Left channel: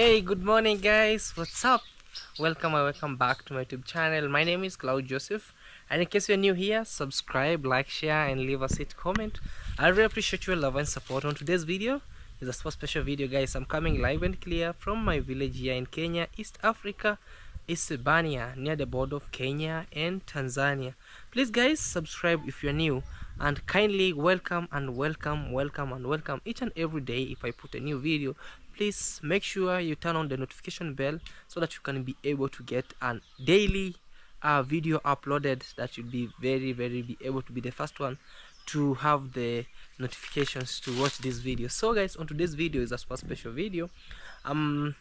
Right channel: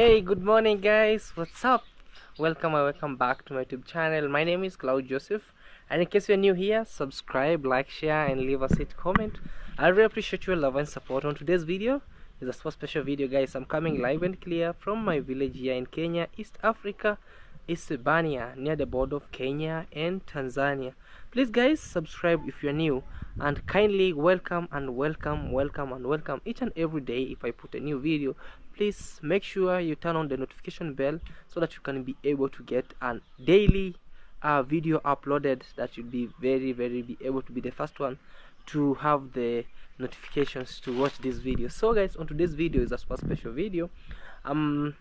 Hey, good morning guys, what's up? Welcome back to my YouTube channel. My name is Claude Joseph, and in case you're new here, subscribe, like, share and leave us a comment. I really appreciate your love and support. On today's video is a super special video guys. I'm coming live and clear from my village here in Kenya, East Africa, Isebania, near the border of Kenya and Tanzania. Please guys, subscribe if you're new, and kindly welcome each and every day. If I put a new video, please make sure you turn on the notification bell so that you can be able to get a daily video uploaded. That should be very be able to be the first one to have the notifications to watch this video. So guys, on today's video is a super special video. I'm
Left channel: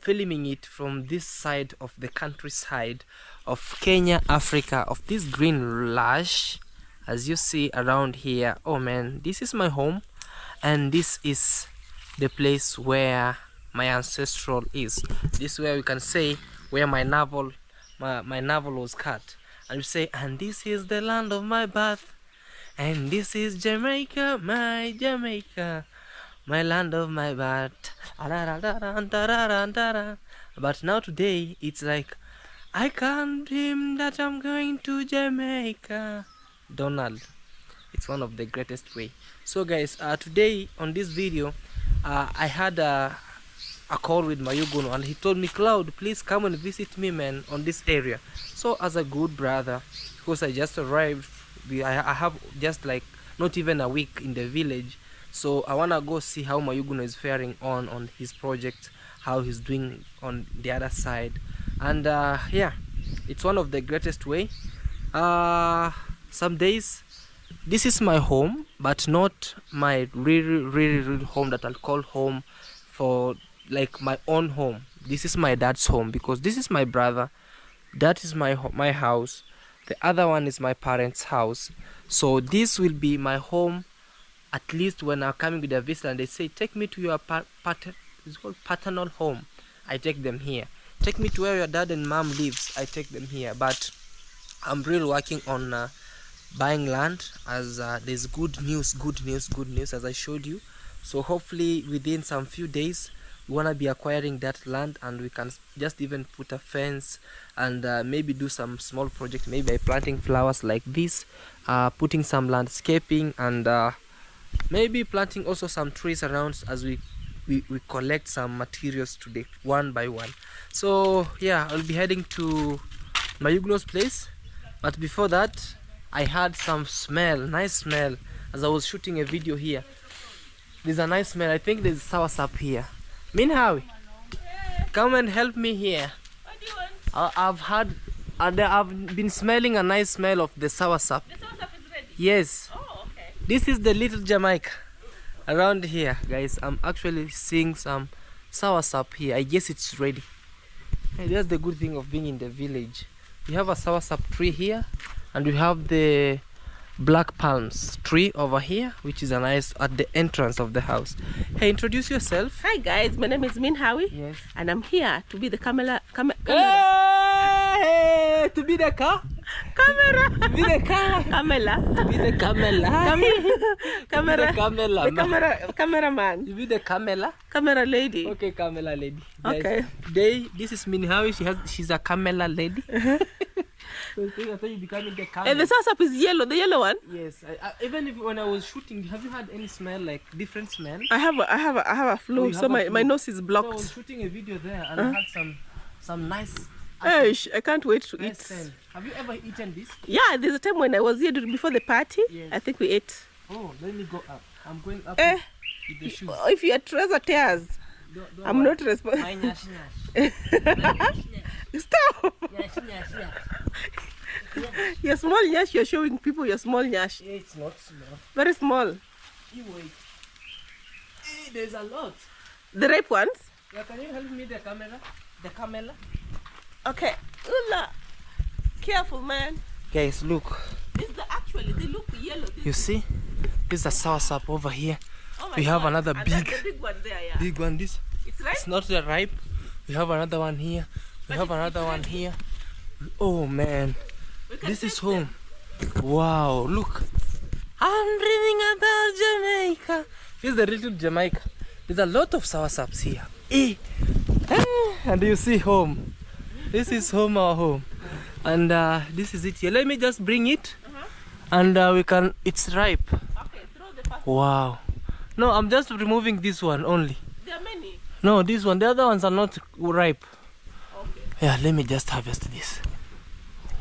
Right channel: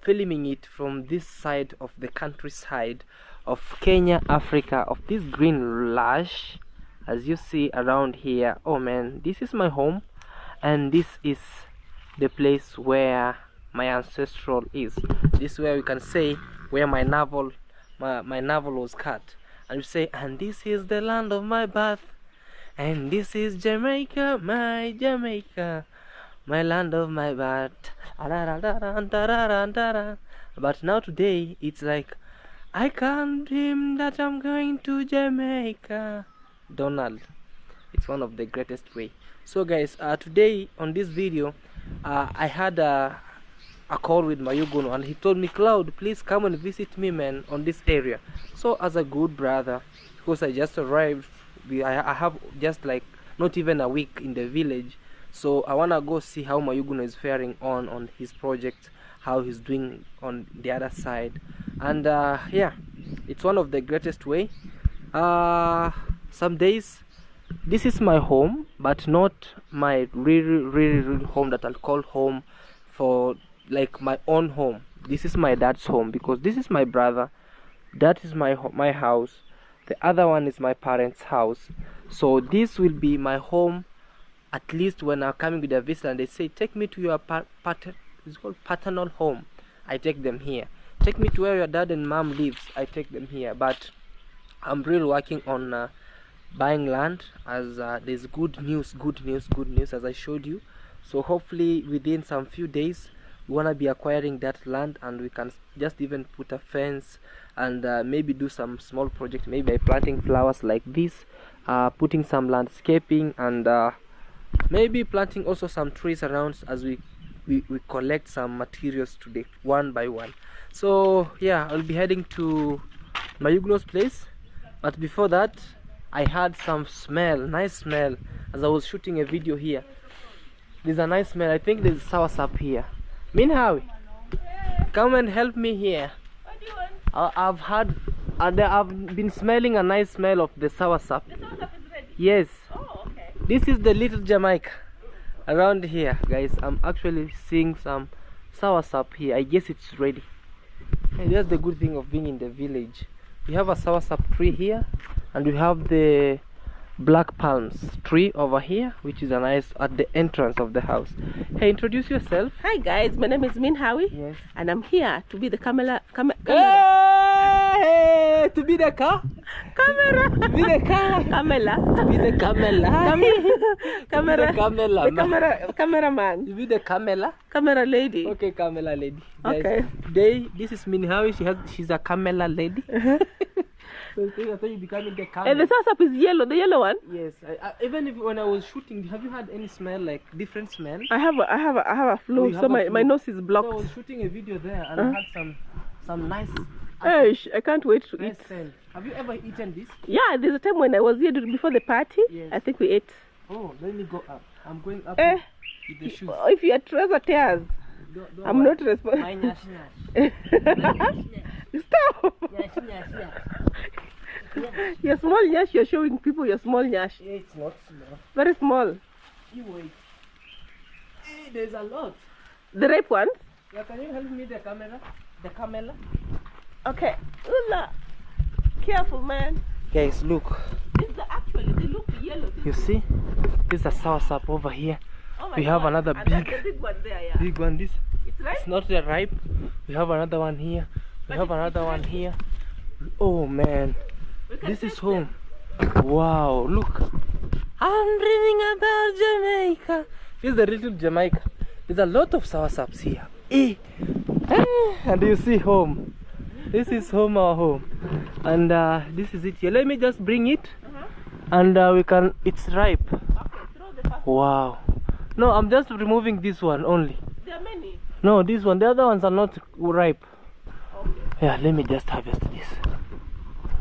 filming it from this side of the countryside of Kenya, Africa, of this green lush as you see around here. Oh man, this is my home, and this is the place where my ancestral is. This is where we can say where my navel was cut, and we say, and this is the land of my birth, and this is Jamaica, my Jamaica, my land of my birth. But now today it's like, I can't dream that I'm going to Jamaica. Donald, it's one of the greatest way. So guys, today on this video I had a call with Mayuguno, and he told me, Claude, please come and visit me man on this area. So as a good brother, because I just arrived, I have just like not even a week in the village, so I wanna go see how Mayuguno is faring on his project, how he's doing on the other side. And yeah, it's one of the greatest way. Some days this is my home, but not my really home that I'll call home for like my own home. This is my dad's home, because this is my brother, that is my house, the other one is my parents' house. So this will be my home, at least when I'm coming with a visitor and they say, take me to your it's called paternal home, I take them here. Take me to where your dad and mom lives, I take them here. But I'm really working on buying land, as there's good news as I showed you. So hopefully within some few days we want to be acquiring that land, and we can just even put a fence and maybe do some small project, maybe by planting flowers like this, putting some landscaping, and maybe planting also some trees around as we collect some materials today one by one. So yeah, I'll be heading to Mayuguno's place, but before that I had some nice smell as I was shooting a video here. There's a nice smell. I think there's soursop here. Minhawi, come and help me here. What do you want? I've been smelling a nice smell of the soursop. The soursop is ready? Yes. Oh, okay. This is the little Jamaica around here, guys. I'm actually seeing some soursop here. I guess it's ready. And that's the good thing of being in the village. We have a soursop tree here, and we have the black palms tree over here, which is a nice at the entrance of the house. Hey, introduce yourself. Hi guys, my name is Minhawi. Yes. And I'm here to be the camera. Hey, to be the car? Camera. To be the car? Camera. To be the camera. Camera. The Cameraman. To be the camera. Camera lady. Okay, camera lady. Okay. Guys, today this is Minhawi. She's a camera lady. So I thought you becoming the camera. And the soursop is yellow, the yellow one. Yes. Even if when I was shooting, have you had any smell, like different smell? I have a flu, so my nose is blocked. So I was shooting a video there, and I had some nice. Hey, I can't wait to eat. Have you ever eaten this? Yeah, there's a time when I was here before the party. Yes. I think we ate. Oh, let me go up. I'm going up with the shoes. If your trouser tears, I'm not responsible. Stop! Your small nyash, you're showing people your small nyash. Yeah, it's not small. Very small. You wait. Hey, there's a lot. The ripe ones? Yeah, can you help me the camera? The camera? Okay. Ula. Careful, man. Guys, look. Actually, they look yellow. You see? There's a soursop over here. Oh we have another and big one there, yeah. Big one. This. It's ripe? It's not yet ripe. We have another one here. We have another one here. Oh man. This is home. Wow, look. I'm dreaming about Jamaica. This is the little Jamaica. There's a lot of soursops here. Eh. And you see home. This is home, our home. And this is it here. Let me just bring it. And we can, it's ripe. Okay, throw the first. Wow. No, I'm just removing this one only. There are many. No, this one. The other ones are not ripe. Okay. Yeah, let me just harvest this.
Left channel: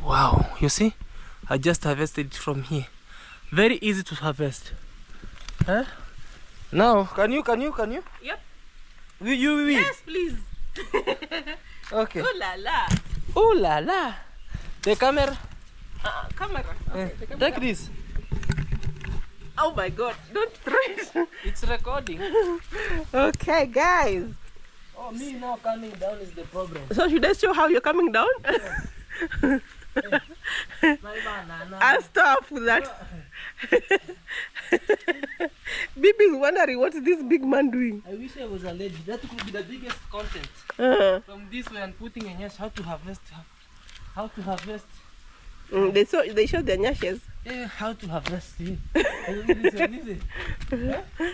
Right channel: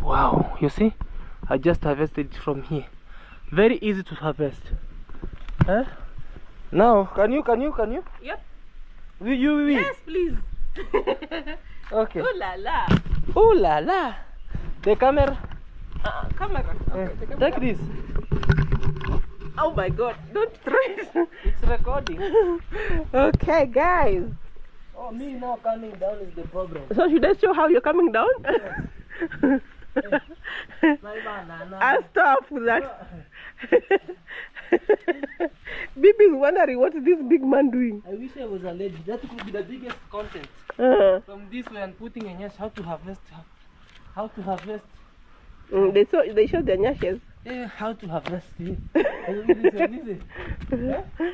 Wow, you see? I just harvested it from here. Very easy to harvest. Huh? Now, can you? Yep. You. Yes, please. Okay. Ooh la la. Ooh la la. The camera. Camera. Okay, the camera. Take this. Oh my God! Don't throw it. It's recording. Okay, guys. Oh, me now coming down is the problem. So should I show how you're coming down? My banana. I'll stop with that. Bibi is wondering what's this big man doing. I wish I was a lady. That could be the biggest content. From this way and putting a nyash, how to harvest. They showed their nyashes. Yeah, how to harvest.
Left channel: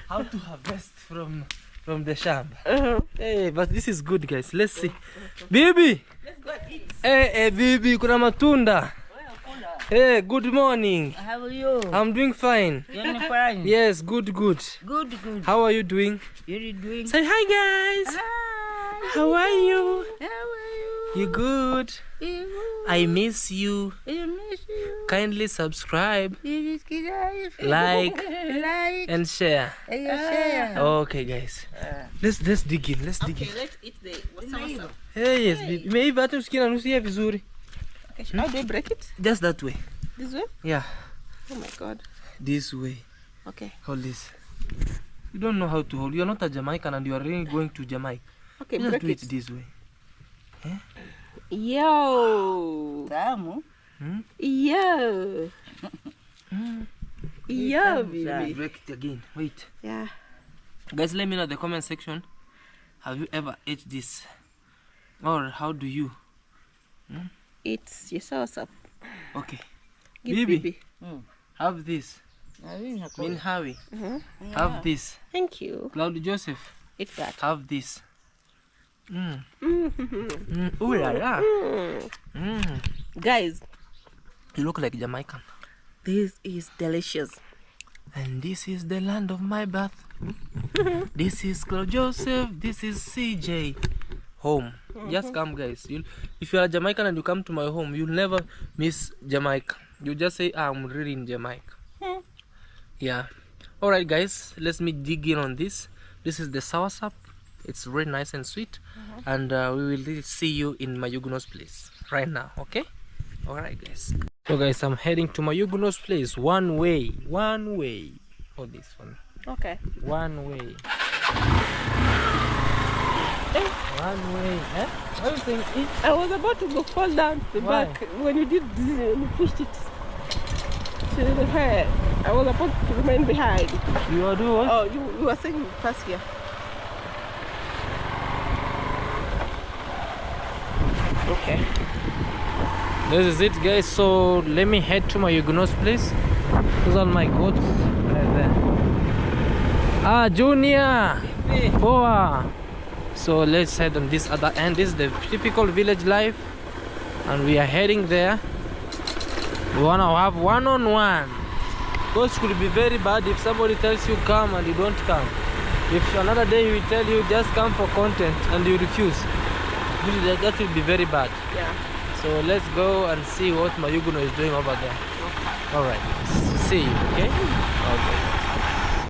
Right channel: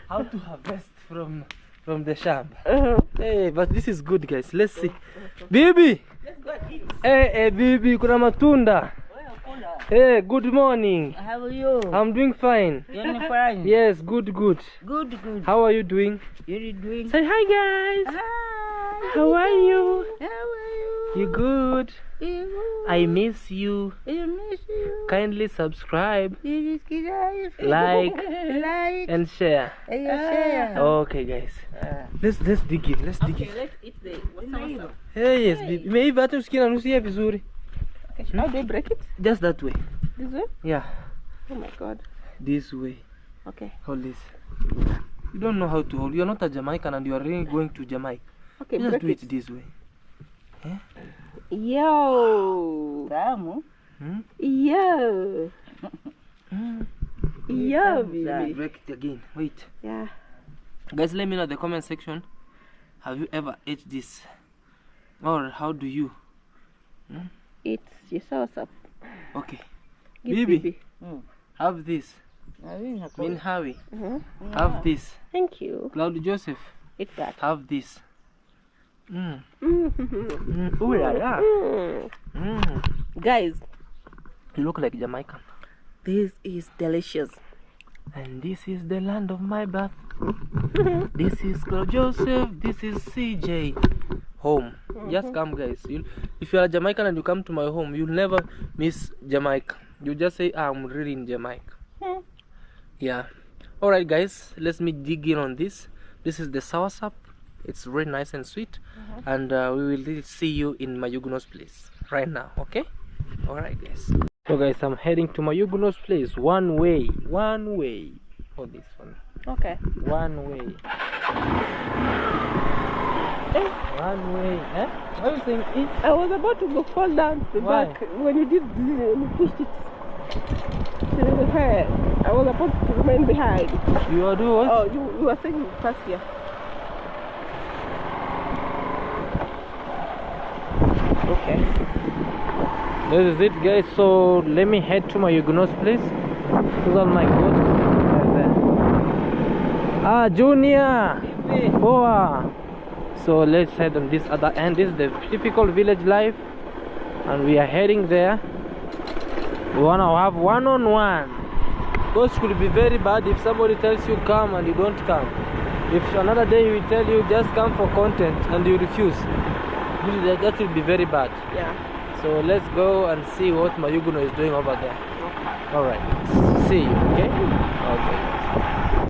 How to harvest from the shamba. Hey, but this is good, guys. Let's see. Bibi. Let's go and eat. Hey, Bibi, kuna matunda. Hey, good morning. How are you? I'm doing fine. You're fine. Yes, good. Good. How are you doing? You're doing. Say hi, guys. Hi. How are you? How are you? You good? You. I miss you. I miss you. Kindly subscribe, You just get out. like, Like. and share. And you share. Okay, guys. Let's dig in. Let's dig in. Okay, let's eat the what's up. Hey, yes, Bibi. Maybe hata usikia nusia vizuri. Okay, how do I break it? Just that way. This way? Yeah, Oh my God. this way. Okay. Hold this. You don't know how to hold. You're not a Jamaican and you are really going to Jamaica. Okay, Just break do it it. this way. Yo. Tamu. Hmm? Yo. Yo, baby. Break it again. Wait. Yeah. Guys, let me know in the comment section. Have you ever ate this? Or how do you? It's your sauce up. Okay. Give Bibi. Bibi. Have this. Min Hawi. Have this. Thank you. Claude Joseph. Eat that. Have this. Ooh la la. Guys, You look like Jamaican. this is delicious. And this is the land of my birth. This is Claude Joseph. This is CJ. Home. Just come, guys. If you are Jamaican and you come to my home, you'll never miss Jamaica. You just say, I'm really in Jamaica. Yeah. Alright, guys. Let's me dig in on this. This is the soursop. It's really nice and sweet. And we will see you in Mayuguno's place right now. Okay? Alright, guys. So, guys, I'm heading to Mayuguno's place. One way. Hold this one. Okay. One way. One way. Eh? What do you think? I was about to go fall down the Why? back when you did this, you pushed it to the head. I was about to remain behind. You are doing what? Oh, you were saying you pass here. Okay. This is it, guys. So let me head to Mayuguno's place. Those are my goats right there. Ah, Junior. Boa. So let's head on this other end. This is the typical village life, and we are heading there. We wanna have one-on-one. Because it could be very bad if somebody tells you come and you don't come. If another day he will tell you just come for content and you refuse, that will be very bad. Yeah. So let's go and see what Mayuguno is doing over there. Alright, see you, okay? Okay.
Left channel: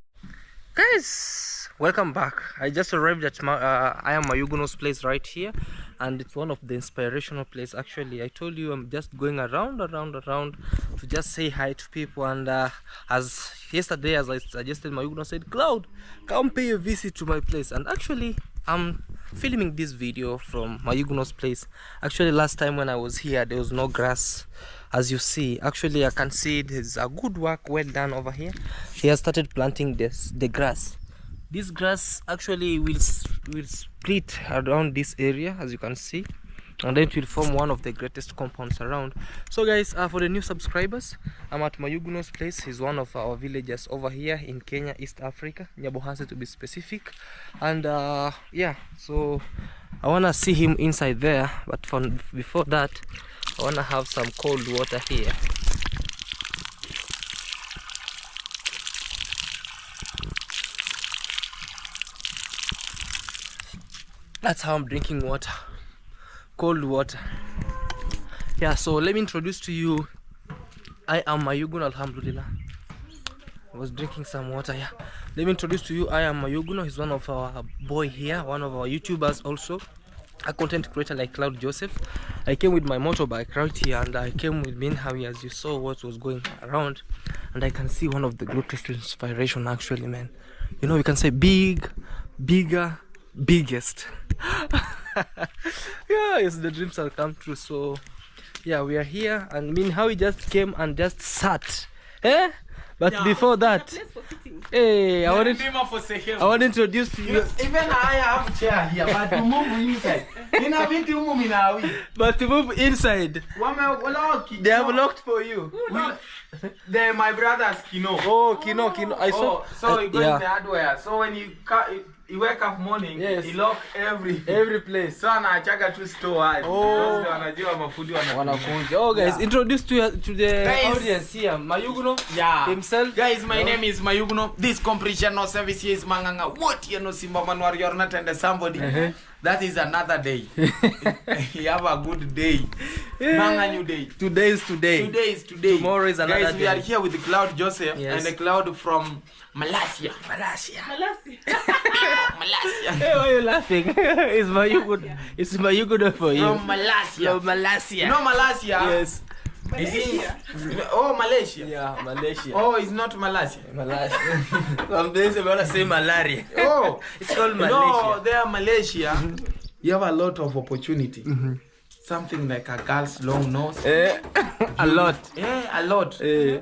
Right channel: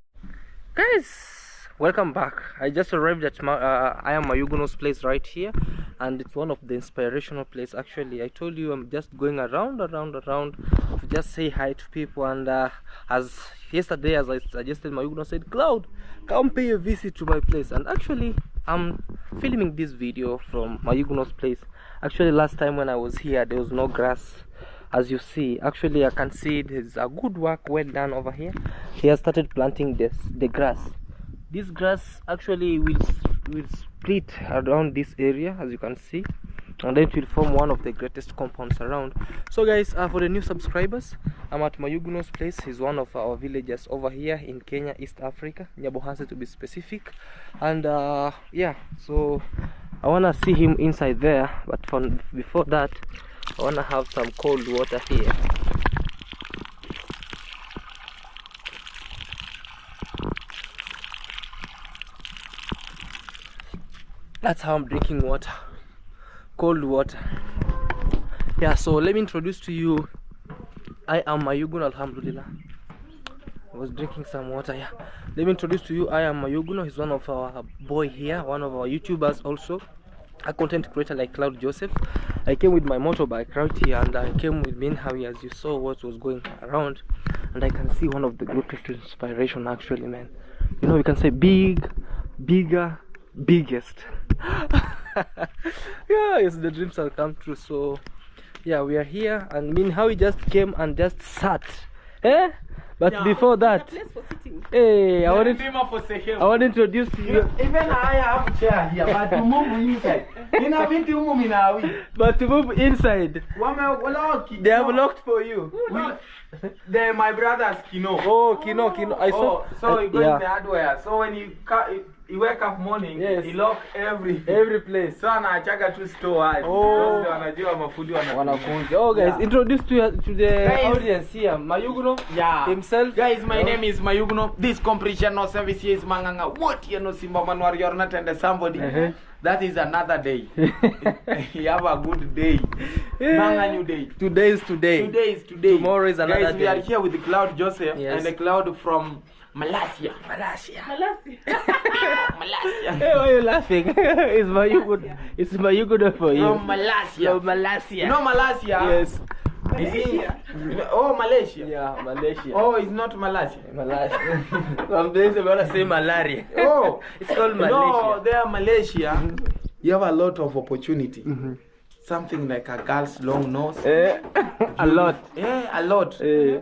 Guys, welcome back. I just arrived at I am Mayuguno's place right here, and it's one of the inspirational places. Actually, I told you I'm just going around to just say hi to people. And as yesterday, as I suggested, Mayuguno said, Claude, come pay a visit to my place. And actually, I'm filming this video from Mayuguno's place. Actually, last time when I was here, there was no grass. As you see, actually I can see there's a good work well done over here. He has started planting the grass. This grass actually will split around this area, as you can see. and then it will form one of the greatest compounds around. So guys, for the new subscribers, I'm at Mayuguno's place. He's one of our villagers over here in Kenya, East Africa, Nyabohanse to be specific. And yeah, so I wanna see him inside there, but before that I wanna have some cold water here. That's how I'm drinking water, cold water. Yeah, so let me introduce to you, I am Mayuguno. Alhamdulillah, I was drinking some water. Yeah, let me introduce to you, I am Mayuguno. He's one of our boy here, one of our YouTubers, also a content creator like Claude Joseph. I came with my motorbike right here, and I came with Minhawi, as you saw what was going around, and I can see one of the greatest inspiration actually, man. You know, we can say big, bigger, biggest. Yeah, it's the dreams have come true. So yeah, we are here, and Minhawi just came and just sat, but yeah, before that, hey, I want to introduce to you. Even I have a chair here, but to move inside. But to move inside, they have locked for you. They're my brother's Kino. Oh, Kino. I saw. So you go in the hardware. So when you wake up morning, yes, you lock every place. So I check to store. Oh, oh guys, yeah. Introduce to the audience here, Mayuguno, yeah, himself. Guys, my name is Mayuguno. This completion no service is Manganga. What you know, Simba Manuar, you're not under somebody. That is another day. You have a good day. Manga new day. Today is today. Today is today. Tomorrow is another day. Guys, we are here with Claude Joseph, yes, and the Claude from Malaysia. Malaysia. Hey, why are you laughing? It's Mayuguno. It's Mayuguno for you. From Malaysia. From Malaysia. You know Malaysia? Yes. Malaysia. Oh, Malaysia. Yeah, Malaysia. Oh, it's not Malaysia. Malaysia. Some days we want to say malaria. Oh, it's called Malaysia. No, there Malaysia. You have a lot of opportunity. Something like a girl's long nose. A lot. Yeah, a lot.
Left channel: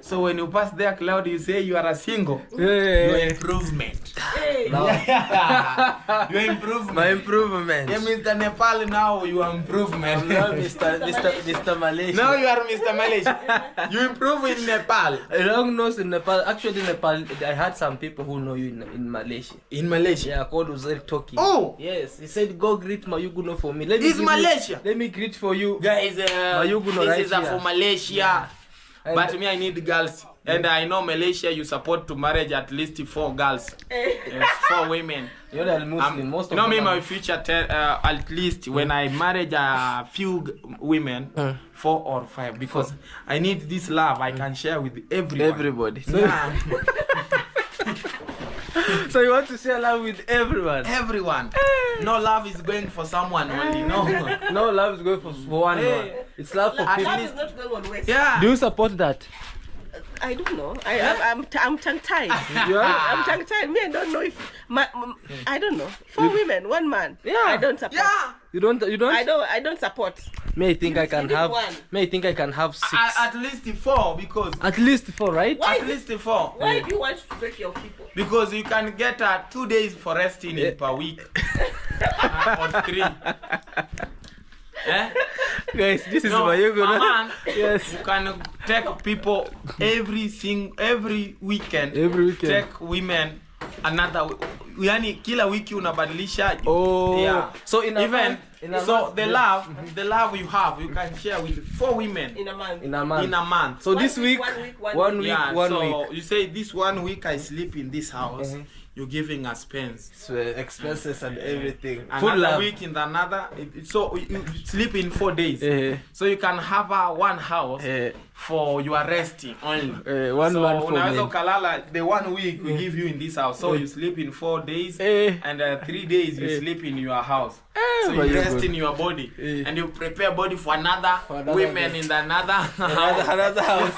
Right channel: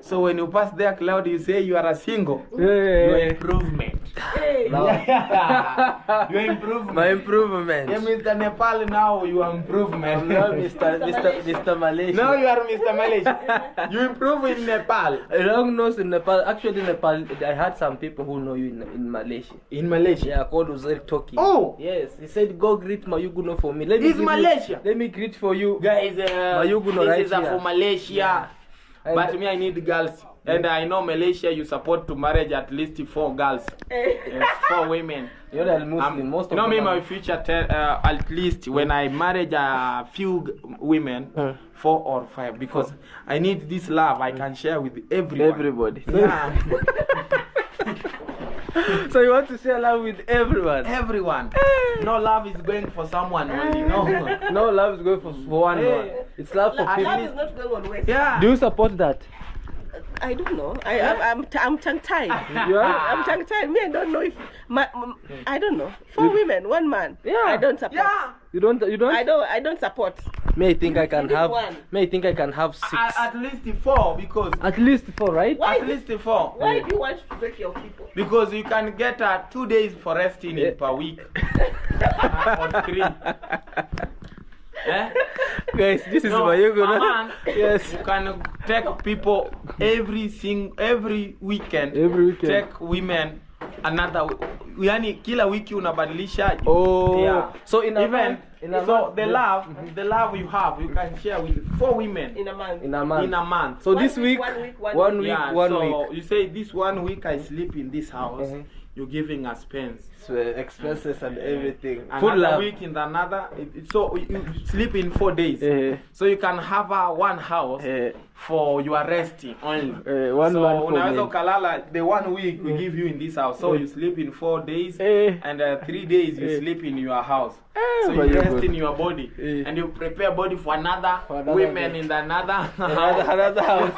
So when you pass there, Claude, you say you are a single. Your improvement. Yeah. Your improvement. My improvement. Yeah, Mr. Nepal, now you are improvement. I'm now Mr. Malaysia. Now you are Mr. Malaysia. You improve in Nepal. A long nose in Nepal. Actually, Nepal, I had some people who know you in Malaysia. In Malaysia? Yeah, Claude was there talking. Oh! Yes, he said, go greet Mayuguno for me. It's Malaysia. Let me greet for you. Guys, Mayuguno this right is here. For Malaysia. Yeah. But me, I need girls. And I know Malaysia, you support to marriage at least 4 girls. Yes, 4 women. You're the Muslim. Most of me, my future, at least when I marriage a few women, 4 or 5. Because I need this love I can share with everybody. So, yeah. So you want to share love with everyone? Everyone. No love is going for someone only. No. No love is going for one. It's love for people. Love is not going on waste. Yeah. Do you support that? I don't know. I'm tongue-tied. I'm tongue-tied. Me, I don't know if I don't know. 4 women, 1 man. Yeah. I don't support. Yeah. You don't. I don't support. May I think I can have. May I think I can have 6. At least 4 because. At least 4, right? At least 4. Why do you want to break your people? Because you can get 2 days for resting per week. Or 3. Guys, this is Mayuguno. Man, yes. You can take people every weekend. Every weekend. Take women another. Yani kila wiki unabadilisha. Oh. Yeah. So in a even month, so the love you have, you can share with 4 women in a month. In a month. In a month. So this week, 1 week, yeah, 1 so week. you say this 1 week I sleep in this house. You're giving us pens. So expenses and everything. Another week in another. So you sleep in 4 days. So you can have 1 house for your resting only. One so man for me. Kalala, the 1 week we give you in this house. So you sleep in 4 days and 3 days you sleep in your house. So you rest in your body and you prepare body for another women in another another house.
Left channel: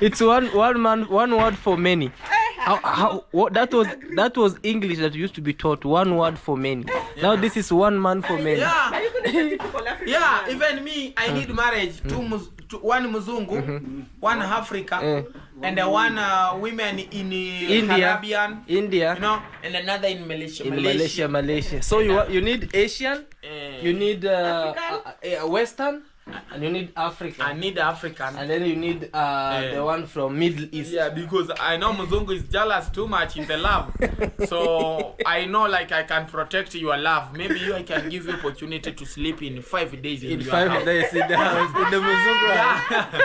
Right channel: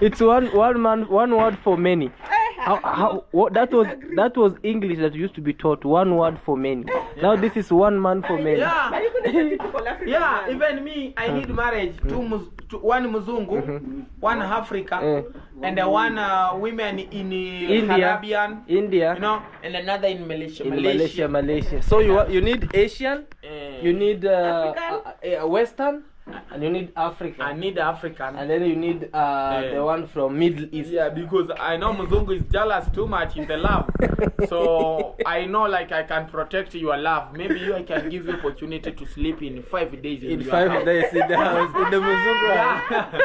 It's one man, one word for many. That was English that used to be taught, 1 word for many. Now this is 1 man for many. Yeah. Yeah, even me, I need marriage. 1 Muzungu, 1 Africa, and the one women in Caribbean, India, you know, and another in Malaysia. Malaysia. So you need Asian, you need Western, and you need African. I need African. And then you need the one from Middle East. Yeah, because I know Muzungu is jealous too much in the love. So I know like I can protect your love. Maybe I can give you opportunity to sleep in 5 days in your 5 house. days in the house, in the Muzungu house.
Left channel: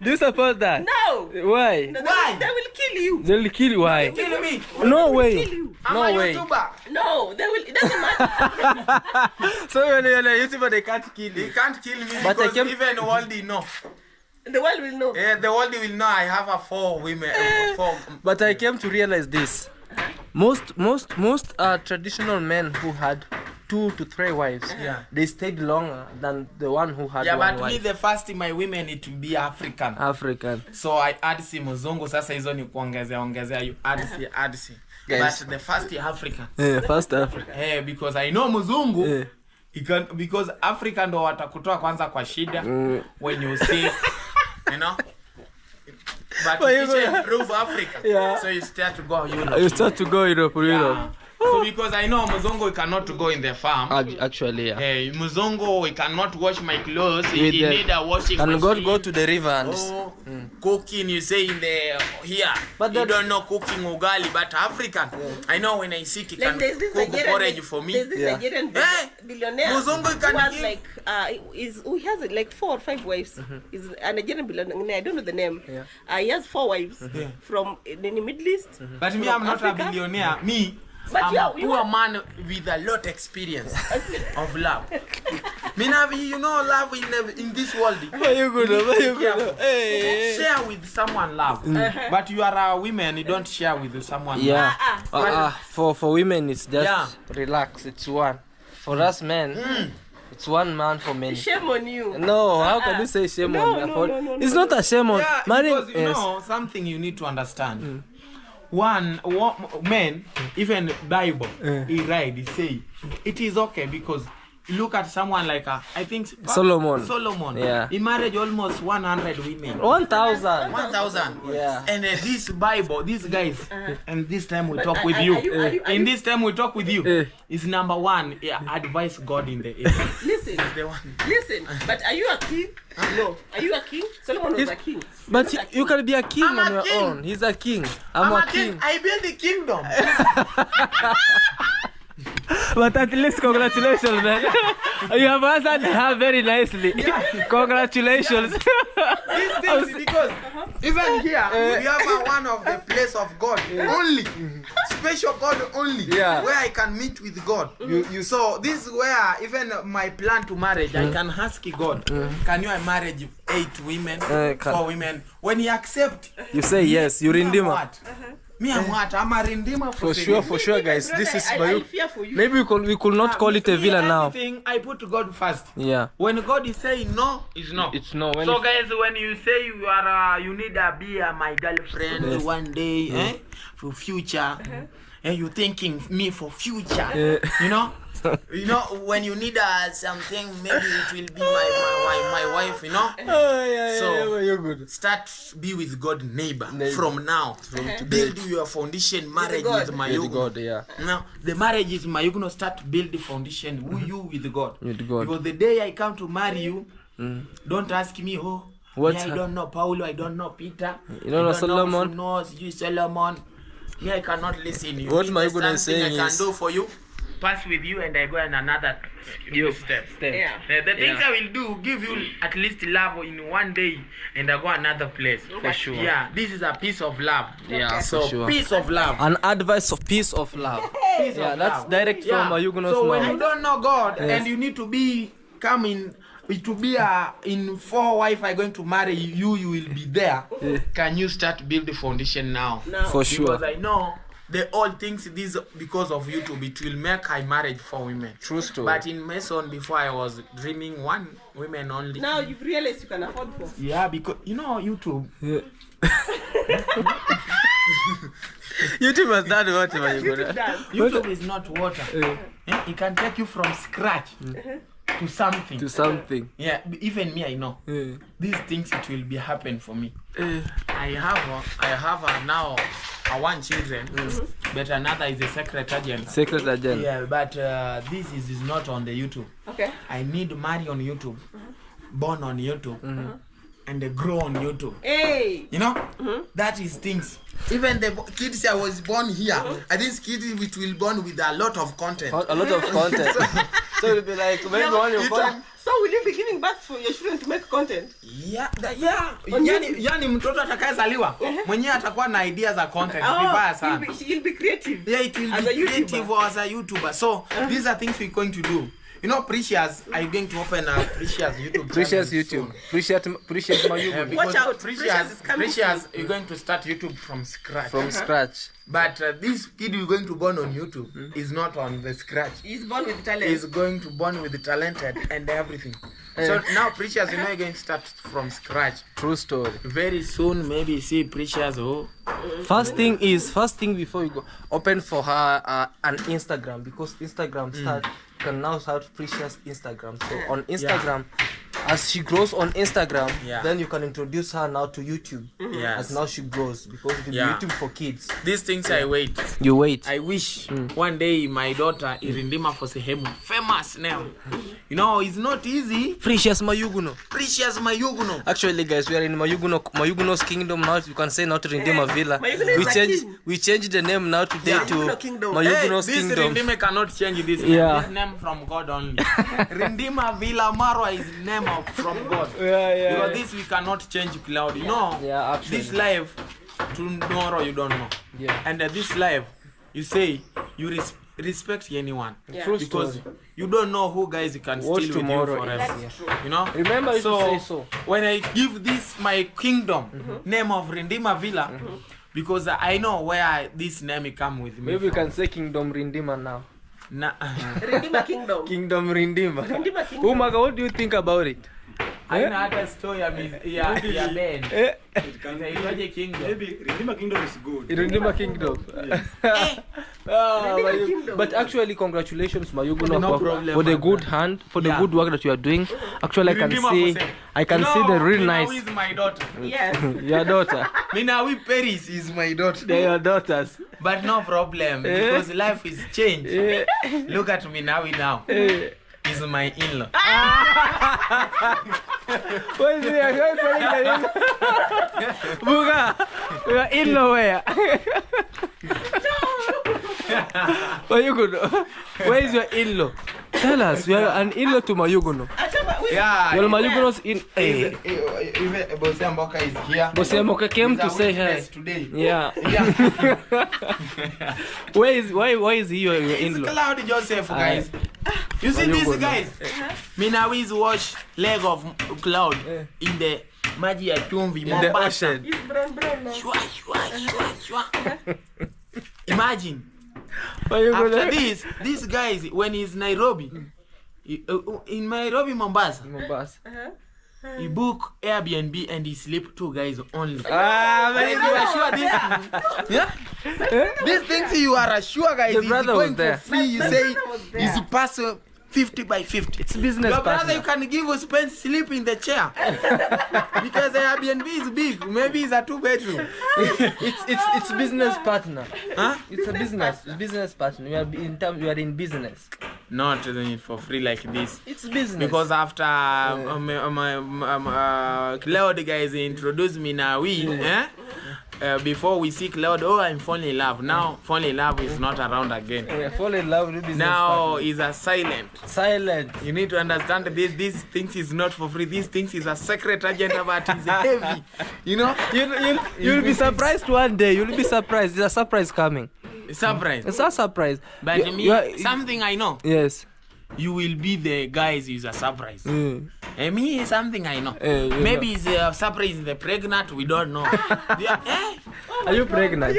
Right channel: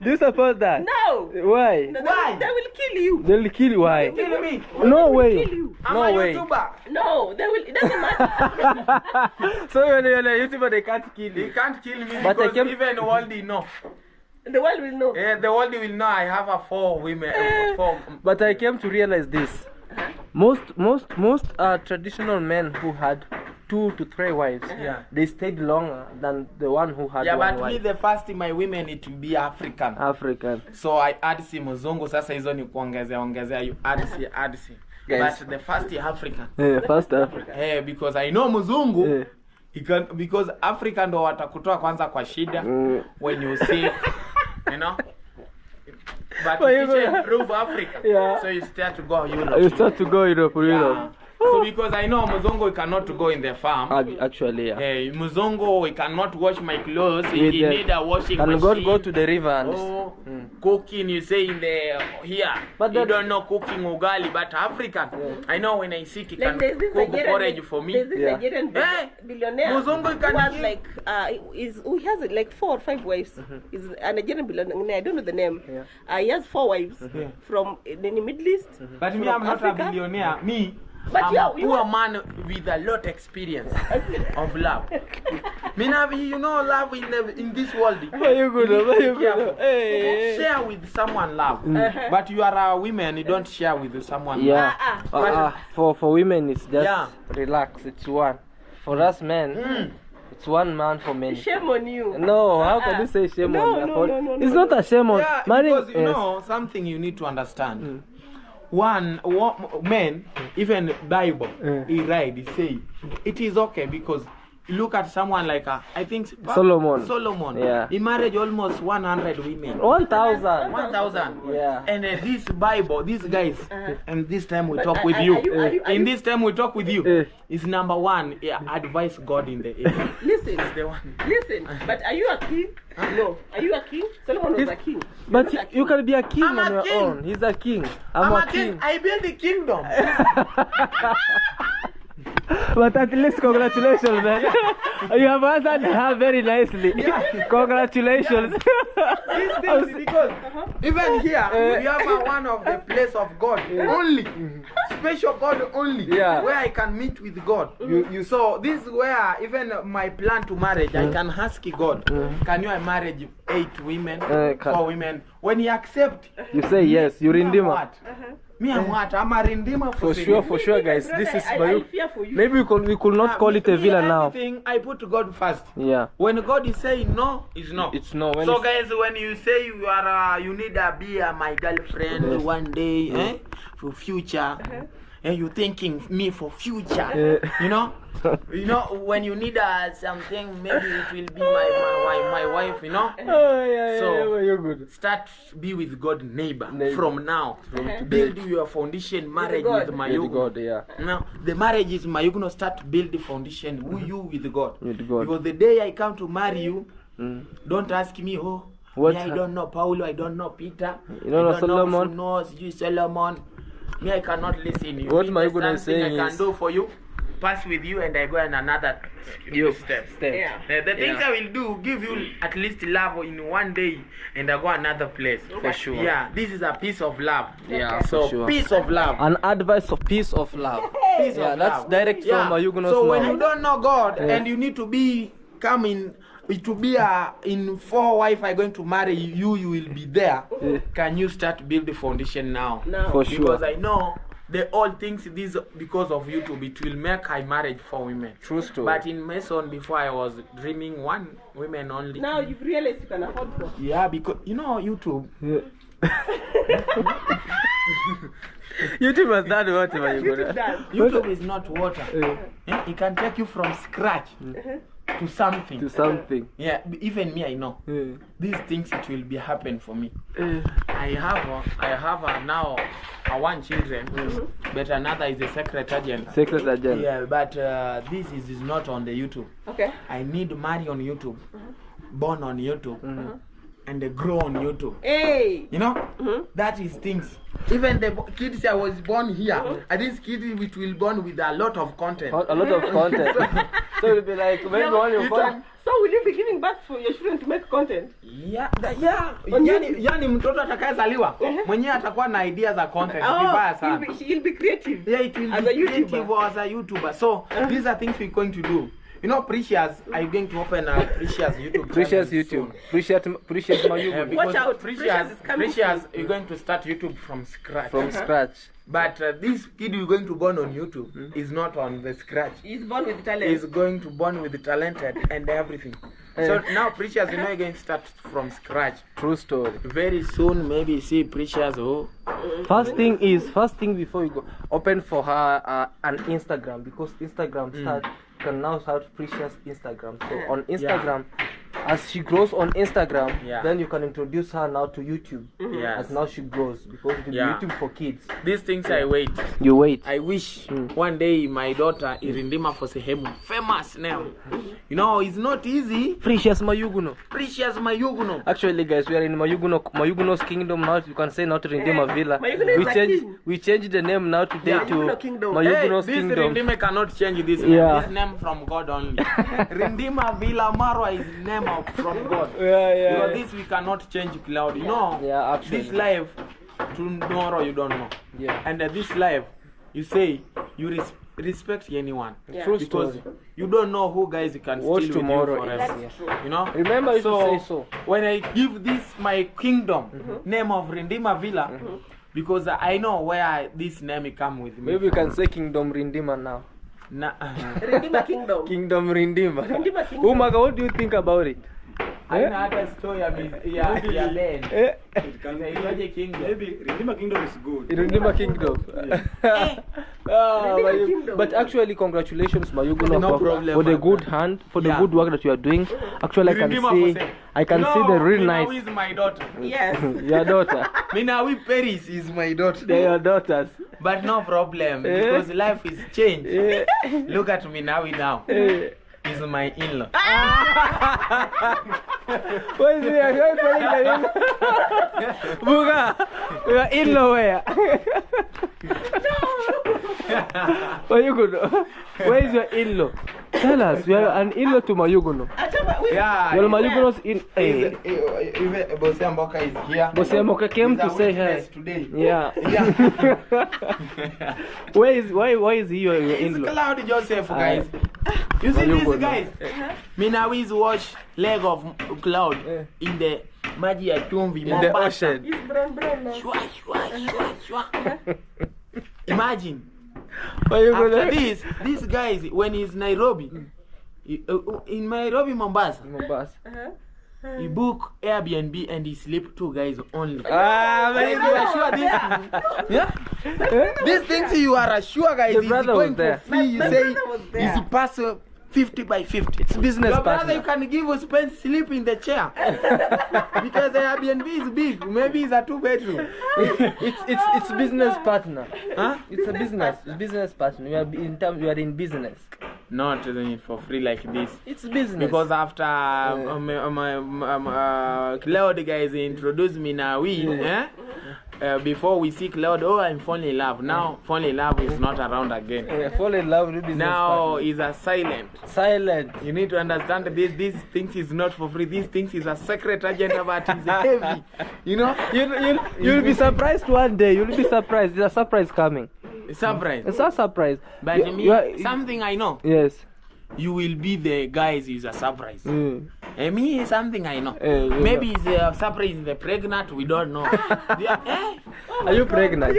Do you support that? No. Why? No, Why? They will kill you. They'll kill you. Why? Kill me. No way. Kill you. I'm No a way. YouTuber. No, they will. It doesn't matter. So when you're a YouTuber, they can't kill They you. can't kill me But I because can- even the world know. The world will know. Yeah, the world will know I have 4 women. 4. But I came to realize this. Most traditional men who had 2 to 3 wives, Yeah. they stayed longer than the one who had Yeah, one but me wife. the first my women it will be African. African. So I add si Muzungu sasa hizo ni kuongezea you add si. Guys. But the first African. Yeah, first Africa. Because I know Muzungu Yeah. because Africa ndo watakutoa kwanza kwa shida when you sick, you know. But But you you go- improve Africa. Yeah. So you start to go Europe. You start to go Europe. Yeah. So because I know Muzungu cannot go in the farm. Actually, yeah. Hey, Muzungu, we cannot wash my clothes. With He the- need a washing And machine. go to the river and Cooking, you say in the here. But You that- don't know cooking ugali, but African. I know when I sit, he Like can there's this cook Nigerian, porridge for me. There's this Yeah. Nigerian Hey, billionaire Muzungu who can has give- like he has like 4 or 5 wives. He's a Nigerian billionaire. I don't know the name. Yeah. He has 4 wives from the Middle East. But me, from I'm not a Africa. billionaire. Me, But I'm you a are- you poor are- man with a lot experience of love. Me, now, you know, love in this world. Mayuguno. Hey. Share with someone love. But you are a woman, you don't share with someone love. Yeah. For women, it's just Yeah. relax. It's one. For us men, it's one man for many. Shame on you. No, how can you say shame No, on me? no, It's not a shame on Yeah, marrying. because you know something you need to understand. One man, even Bible, he write, he say, it is okay because look at someone like I think Solomon. Yeah. He married almost 100 women. 1,000. 1,000. Yeah. And this Bible, these guys, and this time we talk with are you. you- In this time we talk with you. Eh. Is number 1, advise God in the area. Listen, The one. listen. But are you a king? No. Are you a king? Solomon was If- a king. But You're not a you king. can be a king I'm a on your king. own. He's a king. I'm a king. I build the kingdom. But at least congratulations, man. You have answered her very nicely. Congratulations. These things because even here we have one of the place of God only, special God only, Yeah. where I can meet with God. You so this is where even my plan to marriage I can ask God, can you marry 8 women, can- 4 women? When he accept, You say yes. You me, I'm redeemer. what? Me, I'm what? I'm a redeemer For sure, guys. Brother, This is I Mayu. fear for you. Maybe we could not call it a villa now. Everything I put God first. Yeah. When God is saying no, it's no. It's no. When So it's- guys, when you say you are, you need to be my girlfriend one day, for future, and you thinking me for future, you know, when you need something, maybe it will be my wife, you know. Oh, yeah, So- you're good. Start be with God neighbor Neighbor. from now. Build your foundation marriage God. with With Mayuguno. God, yeah. Now the marriage is Mayuguno. Start build the foundation. Who you with God? With God. Because the day I come to marry you, don't ask me. What's I don't know Paulo. I don't know Peter. You don't know I Solomon? Know you Solomon. Me, I cannot listen. You. What If Mayuguno there's is something saying I can is- do for you. Pass with you, and I go in another step. Yeah. The things I will do, give you at least love in one day, and I go another place. For sure. Yeah, this is a piece of love. Yeah, So for sure. piece of love. An advice of peace of love. Piece Yeah, of that's love. direct from Mayuguno's So when you mouth. don't know God Yes. and you need to be coming to be in 4 wife I going to marry you will be there. Can you start build the foundation now? Now. For sure. Because I know the all things this because of YouTube it will make I marriage for women. True story. But in Mason before I was dreaming 1 women only. Now you've realized you can afford 4. Yeah, because you know YouTube. YouTube has done what, YouTube Mayuguno? does. YouTube is not water. It can take you from scratch to something. To something. Yeah, even me, I know. These things it will be happen for me. I have now one children, but another is a secret agent. Secret agent. Yeah, but this is not on the YouTube. Okay. I need marry on YouTube, born on YouTube, and grow on YouTube. Hey. You know, that is things. Even the kids I was born here, and these kids which will born with a lot of content. A lot of content. So it'll be like maybe on your phone. So will you be giving birth for your children to make content? Yeah. Yani mtoto atakayezaliwa mwenyewe atakuwa na ideas za content vibaya sana. He'll be creative. Yeah, it will as be a creative as a YouTuber. So these are things we're going to do. You know, Precious, are you going to open a Precious YouTube? Precious YouTube. Precious Mayuguno. Watch out, Precious is coming. Precious, you're going to start YouTube from scratch. From scratch. But this kid you're going to born on YouTube is not on the scratch. He's born with talent. He's going to born with the talented and everything. So now Precious, you know, you're going to start from scratch. True story. Very soon, maybe see Precious. First thing before you go, open for her an Instagram, because Instagram can now start Precious Instagram. So on Instagram, as she grows on Instagram, then you can introduce her now to YouTube. As now she grows, because it will be YouTube for kids. These things I wait. You wait. I wish one day my daughter Irindima for sehemu famous name. You know, it's not easy. Precious Mayuguno. Precious Mayuguno. Actually, guys, we are in Mayuguno's kingdom now. You can say not Rindima Villa. We changed the name now today to Mayuguno's this kingdom. Rindima cannot change this name. This name from God only. Rindima Villa Marwa is name from God. Because this we cannot change, Claude. You know, actually. this life tomorrow you don't know. And this life, you say you respect anyone. Because you don't know who guys can steal with you forever. You know? Remember, you say so. When I give this my kingdom name of Rindima Villa, because I know where this name come with me. Maybe you can say Kingdom Rindima now. Rindima Kingdom. Kingdom Rindima. Rindima Kingdom. Umaga, what do you think about it? I know a story Ben. Maybe Rindima Kingdom is good. Rindima Kingdom. But actually, congratulations, Mayuguno, for the good hand, for the good work that you are doing. Actually, I can see the real nice. Mina is my daughter. Yes. Your daughter. Mina Paris is my daughter. They are daughters. But no problem, because life is changed. Look at me now. Is my in-law. What is it? Buga, we are in-law where? Mayuguno, where is your in-law? Tell us, we are an in-law to Mayuguno. Yeah. Well, Mayuguno's in. Bosemboka is here. Bosemboka came to say hi. Today. Yeah. Why is he your in-law? It's Claude Joseph, guys. You see these guys? Mina always watch leg of Claude in the maji ya chumvi in the ocean. He's brown now. Shwa. Imagine. After this guys, when he's Nairobi, in Nairobi, Mombasa, he book Airbnb and he sleep 2 guys only. You are sure this? These things you are sure, guys. Is going for free. You say is pass 50 by 50. It's business. Your brother, you can give a spend sleep in the chair because the Airbnb is big. Maybe it's a 2-bedroom. It's business partner. Huh? It's a business partner. We are in business. Not doing it for free like this. It's business. Because after Claude guys introduced me now, before we see Claude, I'm falling in love. Now falling in love is not around again. Fall in love with business. Now is a silent. Silent. You need to understand that these things is not for free. These things is a secret agenda, but it's heavy. You know? You'll be surprised one day. You'll be surprised. There's a surprise coming. Surprise. It's a surprise. But something I know. Yes. You will be the guys is a surprise. And me, something I know. Maybe it's a surprise the pregnant, we don't know. Are you pregnant?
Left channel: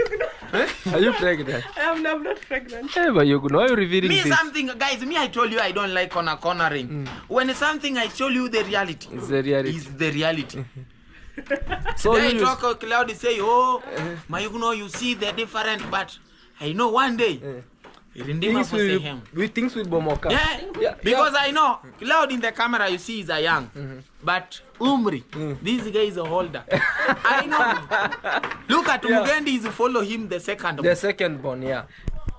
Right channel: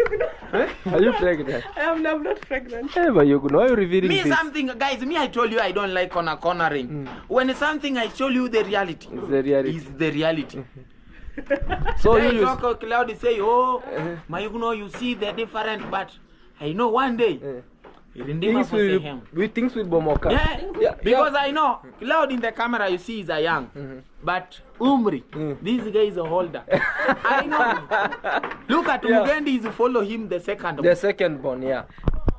Are you pregnant? I'm not pregnant. Hey, but you know, you're revealing me this. Something, guys, me I told you I don't like cornering. When it's something I show you the reality. It's the reality. It's the reality. So I talk Claude say, Mayuguno, you see the different, but I know one day Irindima for sehemu. Things will bomoka. Yeah, because I know Claude in the camera you see is a young, but Umri, this guy is a older. I know. Look at Mugendi is follow him the second. The second born, yeah.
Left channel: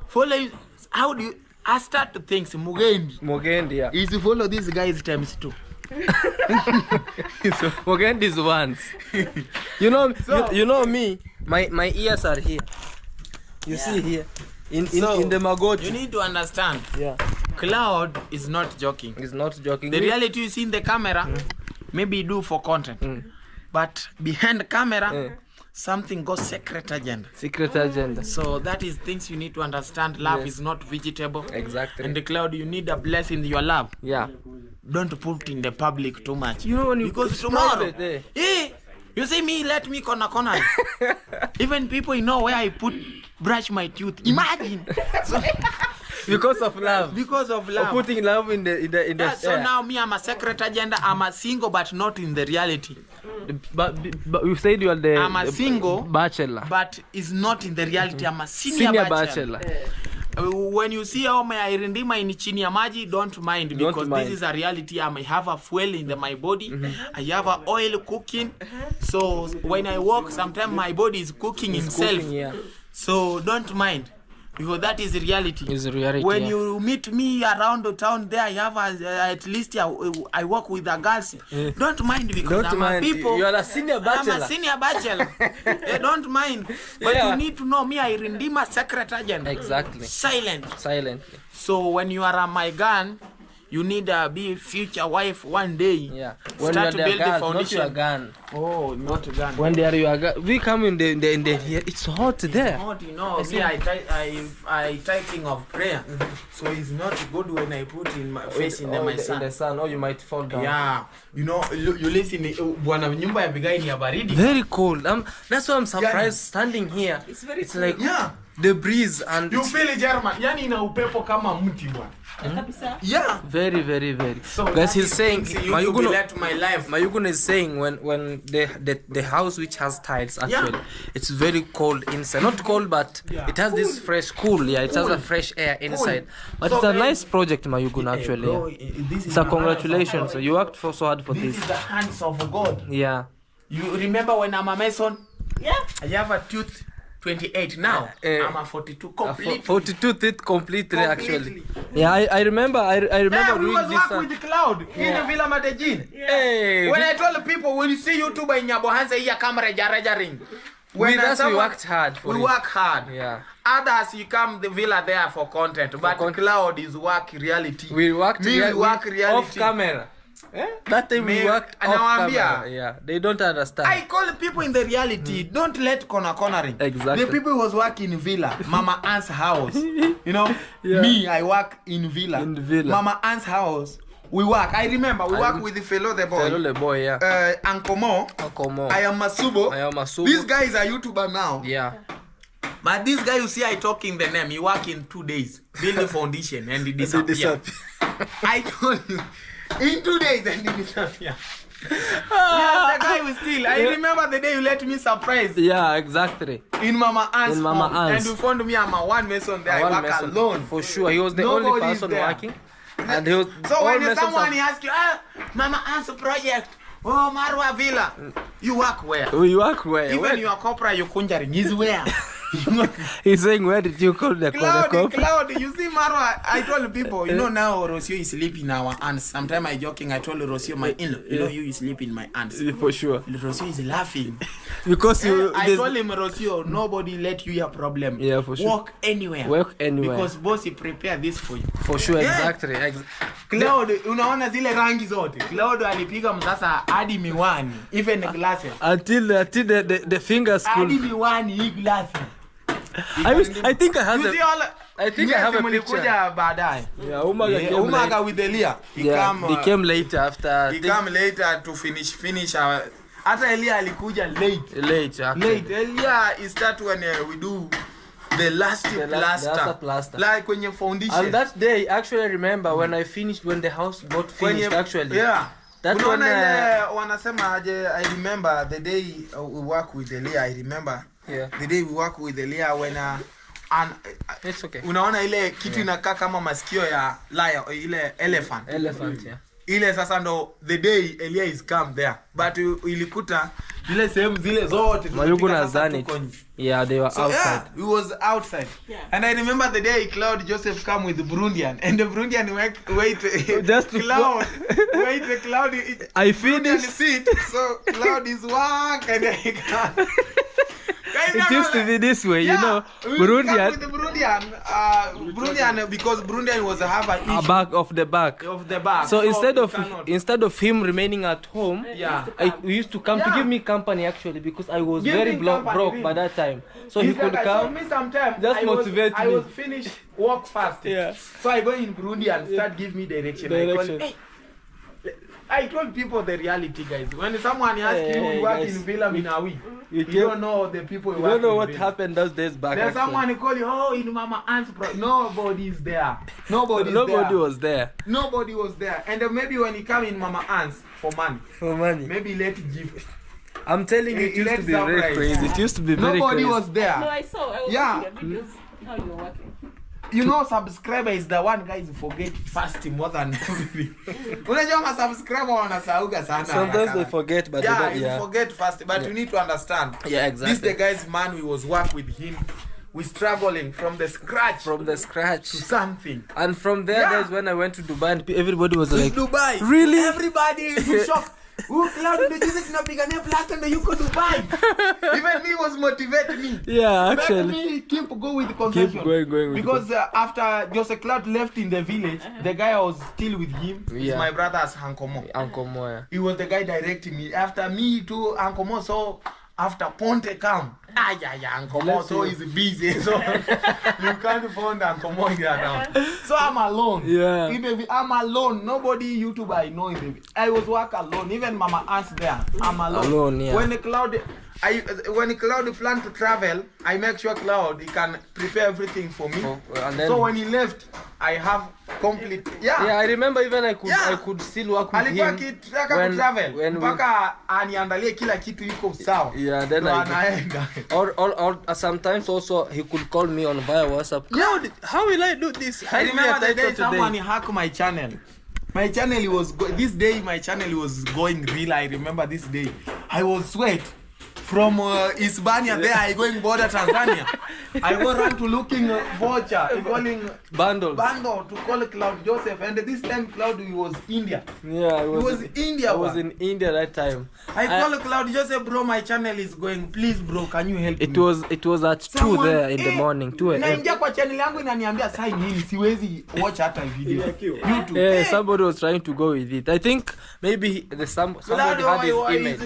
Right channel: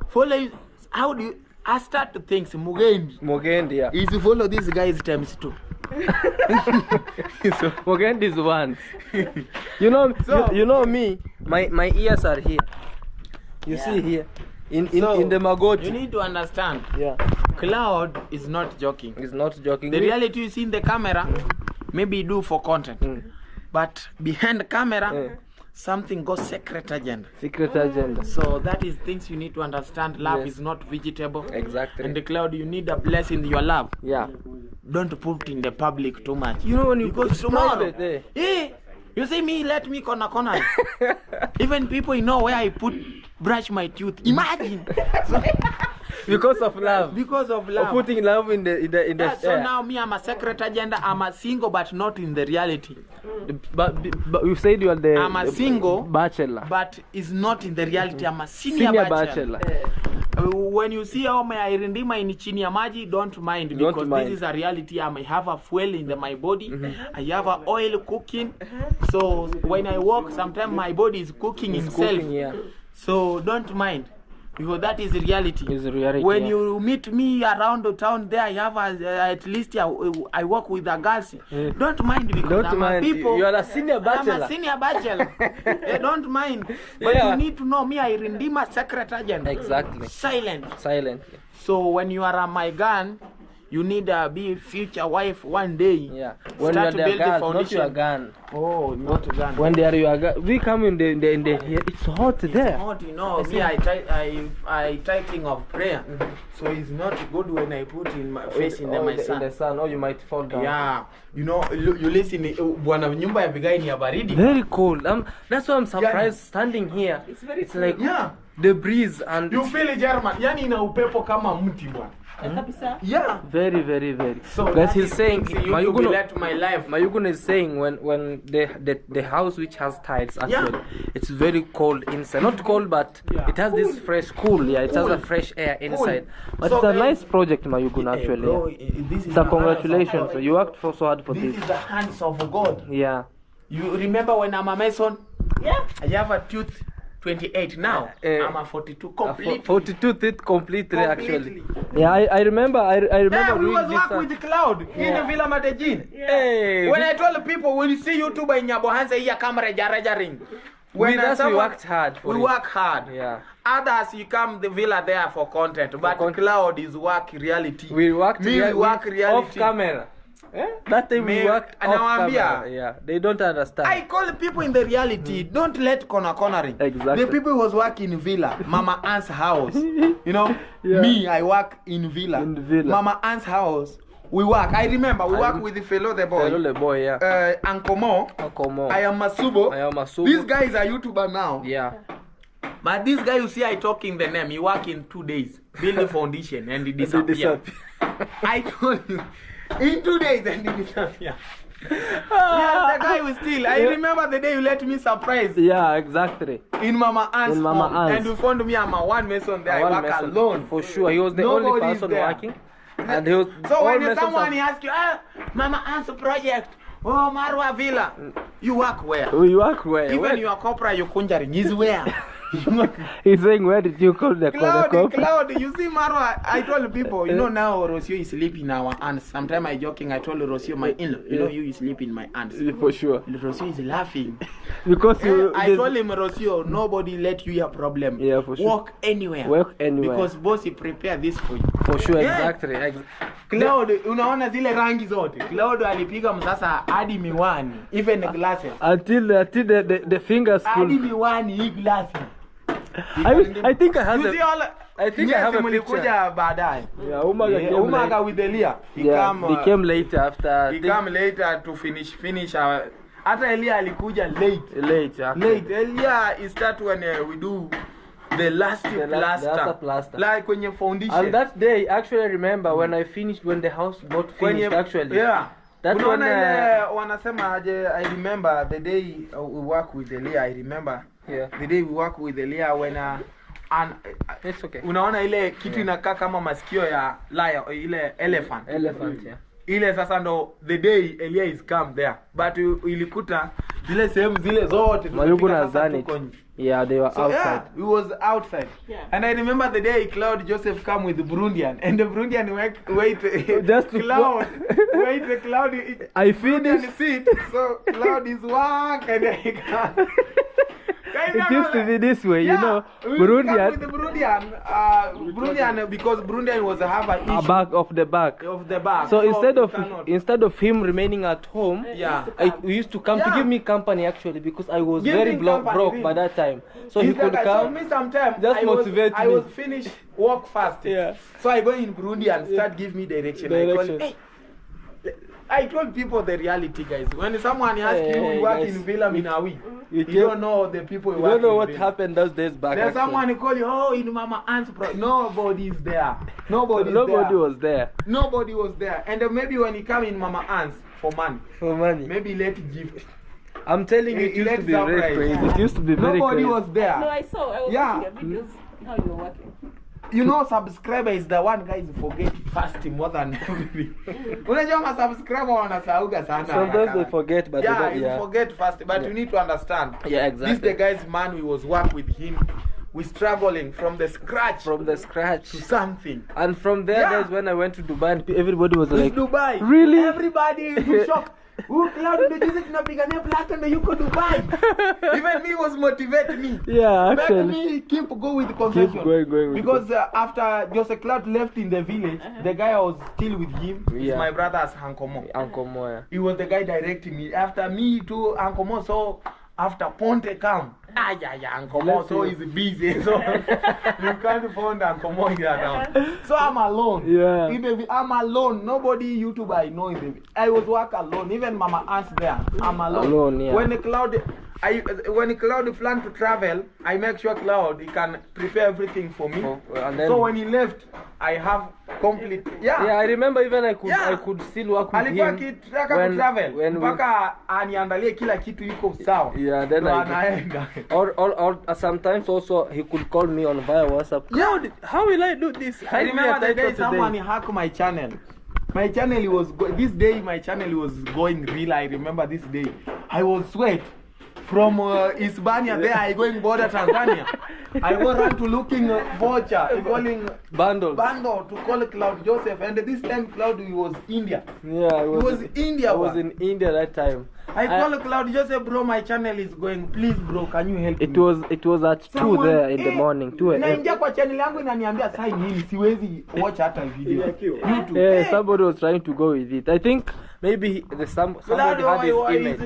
Follow him. How do you? I start to think Mugendi. Yeah. Is to follow this guys times 2. So Mugendi is once. You know me. My ears are here. You see here. In the Magochi. You need to understand. Yeah. Claude is not joking. He's not joking. The reality you see in the camera, maybe you do for content. But behind the camera, something goes secret agenda. Secret agenda. So that is things you need to understand. Love is not vegetable. Exactly. And the Claude, you need a blessing in your love. Yeah. Don't put in the public too much. You know when you because tomorrow, you see me, let me corner. Even people know where I brush my tooth. Imagine. So, because of love. Because of love. Or putting love in the so now me, I'm a secret agenda. I'm a single, but not in the reality. But you said you are I'm a single bachelor, but it's not in the reality. I'm a senior bachelor. When you see how my irindima in chini ya maji, don't mind because this is a reality. I have a fuel in my body. I have a oil cooking. So when I walk, sometimes my body is cooking itself. So don't mind. Because that is reality. When you meet me around the town there, I have at least I work with the girls. Don't mind because you are a senior bachelor. I'm a senior bachelor. Don't mind. But you need to know me, I Rindima secret agent. Exactly. Silently. So when you are my gun, you need to be future wife one day. Yeah. When start to build the foundation. Not your gun. Oh, not a gun. When they are your gun, we come in the it's hot there. It's hot, you know. Me, I typing of prayer, so it's not good when I put in my face in the sun. In the sun, or you might fall down. Yeah, you know, you listen. Bwana nyumba ya bigai ni ya baridi. Very cold. That's why I'm surprised standing here. It's like the breeze and you feel it, German. Yani ina upepo kama mti bwana. Yeah. Very, very, very. So guys, he's saying Mayuguno is saying when the house which has tiles actually it's very cold inside. Not cold, but it has this fresh cool. Yeah, it has a fresh air inside. But so it's a nice project, Mayuguno actually. Bro, so congratulations. You worked so hard for this. This is the hands of God. Yeah. You remember when I'm a Mason? Yeah. I have a tooth 28 now. I'm a 42 completely. 42 teeth completely actually. Yeah, I remember. I remember. Yeah, we was working with Claude in Villa Madejin. Hey. When I told people, when you see YouTuber in Nyabohansa, here camera ring. With us, we worked hard. We work hard. Yeah. Others, you come the villa there for content, but Claude is work reality. We work reality off camera. That time we worked off camera. Yeah, they don't understand. I call people in the reality. Don't let cornering. Exactly. The people who was working in villa, Mama Ann's house. You know, me, I work in villa. In the villa. Mama Ann's house. We work. I remember we work with the fellow the boy. Fellow the boy, yeah. Uncle Mo. I am Masubo. This guy is a YouTuber now. Yeah. But this guy you see I talking the name, he work in 2 days. Build the foundation and he disappear. I told you. In 2 days and he disappear. Yeah, the guy was still. I remember the day you let me surprise. Yeah, exactly. In Mama Ann's. And you found me, I'm a one mason there. I work alone. For sure. He was the only person working. And he was so when someone asks you, Mama Ann's project, oh Marwa Villa, you work where? We work where? Even your corporate, your conjuring is where? He's saying, where did you call the Claude, you see Marwa, I told people, you know now Rocio is sleeping our aunts. Sometimes I joking, I told Rocio my in-law, you know you sleep in my aunts. For sure. Rocio is laughing. Because I told him, Rocio, nobody let you a problem. Yeah, for sure. Walk anywhere. Because boss he prepare this for you. For sure, exactly. Claude, unaona zile rangi zote. Claude alipiga msasa hadi miwani, even the glasses. Until the fingers could. Hadi miwani, hii glasses. I think I have I have a picture. Baadaye. Yeah, Umaga with Elia. He came later after. He came later to finish our. Hata Elia alikuja late. Elia is start when we do the last plaster. Like when you foundation. And that day, actually, I remember when I finished, when the house got finished. Actually. Yeah. That one. Wanasema aje? I remember the day we work with Elia. I remember. Yeah. The day we work with Elia It's okay. Unaona ile kitu inakaa kama masikio ya lion, ile elephant. Elephant, yeah. Ile sasa ndo the day Elia is come there, but ilikuta zile sehemu zile zote Mayuguno has done it. Yeah, they were outside. Yeah, we was outside. Yeah. And I remember the day Claude Joseph come with the Burundian, and the Burundian wait Just to Claude wait the Claude. I Burundian finished. sit, so Claude is work and I can't. It used to be this way, you know. With Burundian, the Burundian, because Burundian was have an issue back of the back. of the back. So we instead of him remaining at home, yeah. we used to come to give me company actually, because I was Give very him company, broke really. by that time. So he could So come. me sometime Just motivate I me. was finished work fast. Yeah. So I go in Burundi and start give me direction. I told people the reality, guys. When someone asks you, Hey, you work guys. in Villa Minawi, You you don't know the people who You work don't know in what Villa. happened those days back. There's actually. someone who call you, oh, in Mama Ant's nobody is there. Nobody was there Nobody was there. And maybe when you come in Mama Ant's for money, for money. maybe let gift. I'm telling you, it used to be very surprise. crazy. It used to be very Nobody crazy. was there. No, I saw. I was Yeah. looking at videos how you were working. You know, subscriber is the one guys who forget fast more than everything. Unajua ma subscriber wanasauga sana. Sometimes they forget, but yeah, they don't. you Yeah, forget fast, but you need to understand. Yeah, This exactly. the guy's man. We was work with him. We struggling from the scratch From the scratch. to something. And from there, Yeah. guys, when I went to Dubai, and everybody was It's like, Dubai. Really? Everybody is shocked. Claude ndio jinsi tunapigania plaster ndio yuko Dubai. Even me was motivate me. yeah, Make actually. me keep go with the confession. Keep going with Because after Joseph Claude left in the village, the guy I was still with him is Yeah. my brother's Uncle Mo. Uncle Moya. He was the guy directing me. After me too, Uncle Mo, so after Ponte come, Uncle Mo, Bless so you. he's busy, so you can't find Uncle Mo here now. So I'm alone. Yeah. I'm alone. Nobody YouTube I know. I was work alone. Even Mama Aunt's there. I'm alone. Alone, yeah. When Claude planned to travel, I make sure Claude he can prepare everything for me. And then, So when he left, I have complete. yeah, I remember even I could still work with Alikuwa him. akitaka when- kutravel when we- mpaka aniandalie kila kitu yuko sawa. Yeah, then Ndo I anaenda. or sometimes also he could call me on via WhatsApp. Claude, how will I do this? I remember the day title someone hacked my channel. My channel was this day. My channel was going real. I remember this day. I was sweat from Hispania. There I going border Tanzania. I go run to looking voucher, calling Bundles. bundle to call Claude Joseph. And this time Claude was India. Yeah, He was India. I was one. in India that time. I call Claude Joseph, bro. My channel is going. Please, bro, can you help me? It was at 2 Someone- there in the morning. 2 a.m. naingia kwa channel yangu inaniambia sign in, siwezi watch hata video. YouTube. Yeah, somebody was trying to go with it. I think maybe somebody had his email.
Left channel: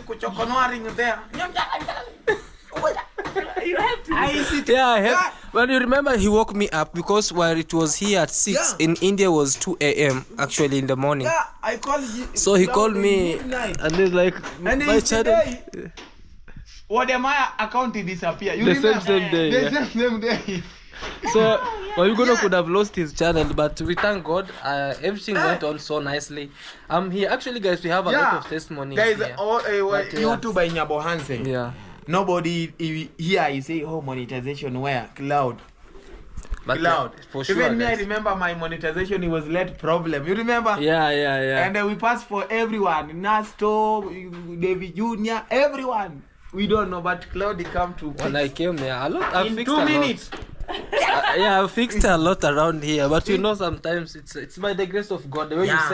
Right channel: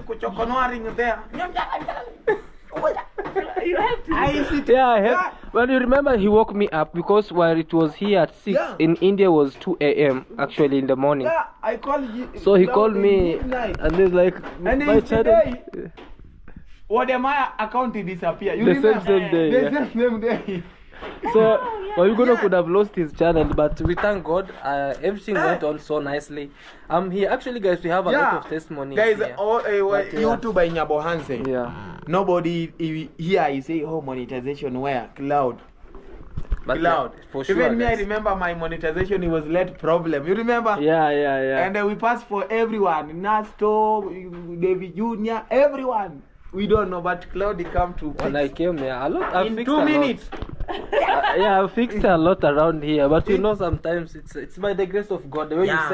You have to. I sit. Yeah, I have. Well, you remember he woke me up because while it was here at 6 Yeah. in India was 2 a.m. actually in the morning. Yeah, I called you. So he called me and he's like, And my it's channel. today. What am I account disappear? You The remember? same day, The yeah. same day. So Mayuguno could have lost his channel, but we thank God. Everything went on so nicely. I'm here. Actually, guys, we have a lot of testimonies Guys, here. all But, yeah. YouTube in Nyabo Hansen. Yeah. Nobody here is say, oh, monetization where? Cloud. But Cloud. for sure, Even me, I guys. remember my monetization, it was late problem. You remember? Yeah. And we passed for everyone. Nasto, David Jr., everyone. We don't know, but Claude come to When I came here, I in fixed 2 a lot. minutes. Yeah, I fixed a lot around here, but you know sometimes it's by the grace of God. The way Yeah. you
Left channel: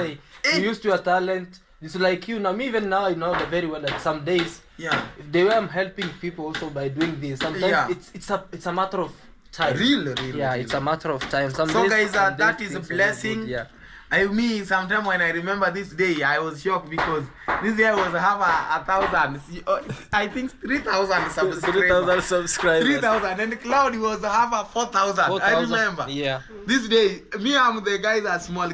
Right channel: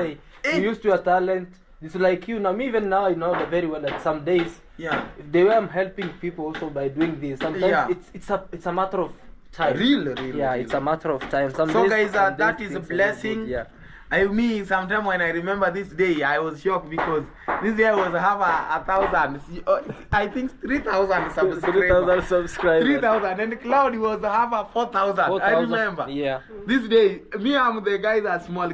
say, you used your talent. It's like you now. Me even now, I know that very well. That some days, Yeah. the way I'm helping people also by doing this. Sometimes Yeah. it's a matter of time. Real. Yeah, it's a matter of time. Some So days, guys, some that days is a things are not blessing. good, Yeah. Me, sometimes when I remember this day, I was shocked because this day was have a thousand. I think 3,000 subscribers. 3,000 subscribers. 3,000 and Claude was have a 4,000. I 4,000. remember. Yeah. This day, me, I'm the guys that small.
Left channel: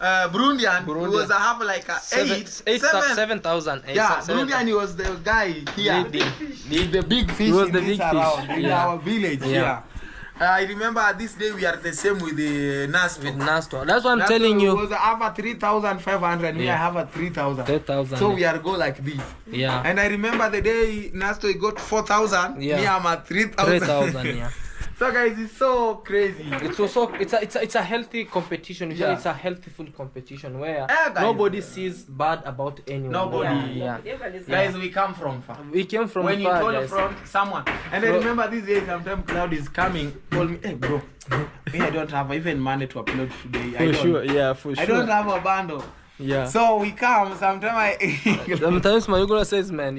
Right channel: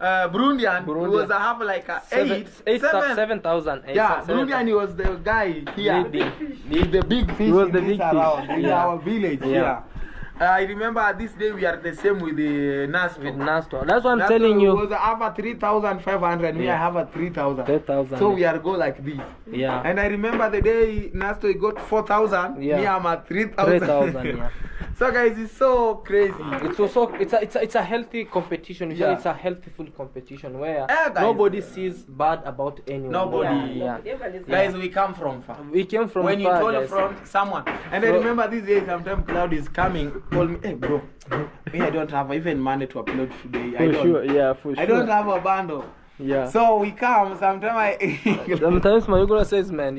Burundian was have like a 7. 7,000. Yeah, Burundian he was the guy here. The big fish He was in the this big fish, around in yeah. our village. Yeah. Yeah. I remember this day we are the same with the Nasto. With Nasto. That's what I'm Nasto telling you. was have a 3,500. Me, I Yeah. have a 3,000. 3,000. So we are go like this. Yeah. And I remember the day Nasto got 4,000. Yeah. Me, I'm at 3,000. 3,000. Yeah. So guys, it's so crazy. It's also it's a healthy competition. Usually Yeah. it's a healthy food competition where guys. nobody sees bad about anyone. Nobody. Yeah. Everybody's Guys, we come from far. We came from When you far, told guys. from someone, and I Bro. remember these days, sometimes Claude is coming, call me, hey bro, me I don't have even money to upload today. I don't. yeah, for I don't have a bundle. Yeah. So we come, sometimes I Sometimes Mayuguno says, man,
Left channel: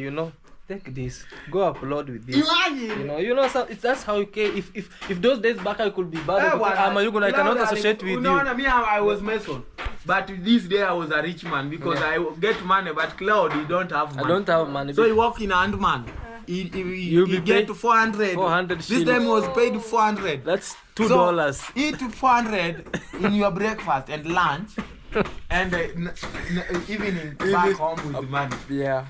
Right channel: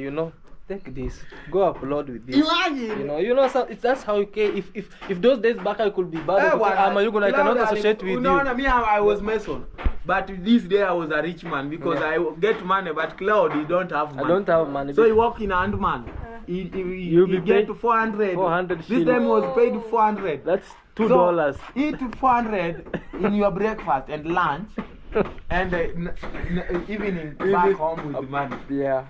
take this, go upload with this. imagine. So that's how you can. If those days back I could be bad, Mayuguno, I cannot associate with no, you. No, me I was Mason, but this day I was a rich man because I get money, but Claude he don't have money. I don't have money. So he work in hand man. He be get paid to 400. 400 This shillings. time he was paid 400. That's $2. So, eat 400 in your breakfast and lunch, and evening back home with money. Yeah.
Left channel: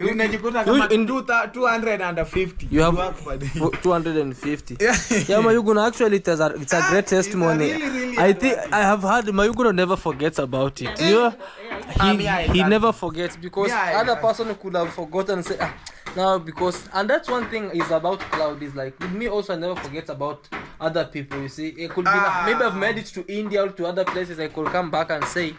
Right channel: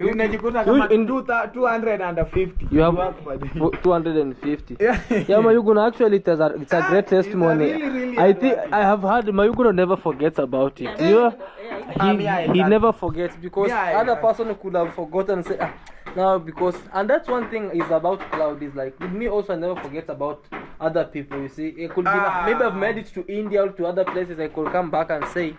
Unajikuta kama in 250. You have work for the- 250. Yeah. Yeah, Mayuguno, actually it's a great testimony. really I think I have heard Mayuguno never forgets about it. He never forgets because Yeah, other person could have forgotten and say now because and that's one thing is about Claude is like with me also I never forget about other people. You see, it could be like, maybe I've made it to India or to other places. I could come back and say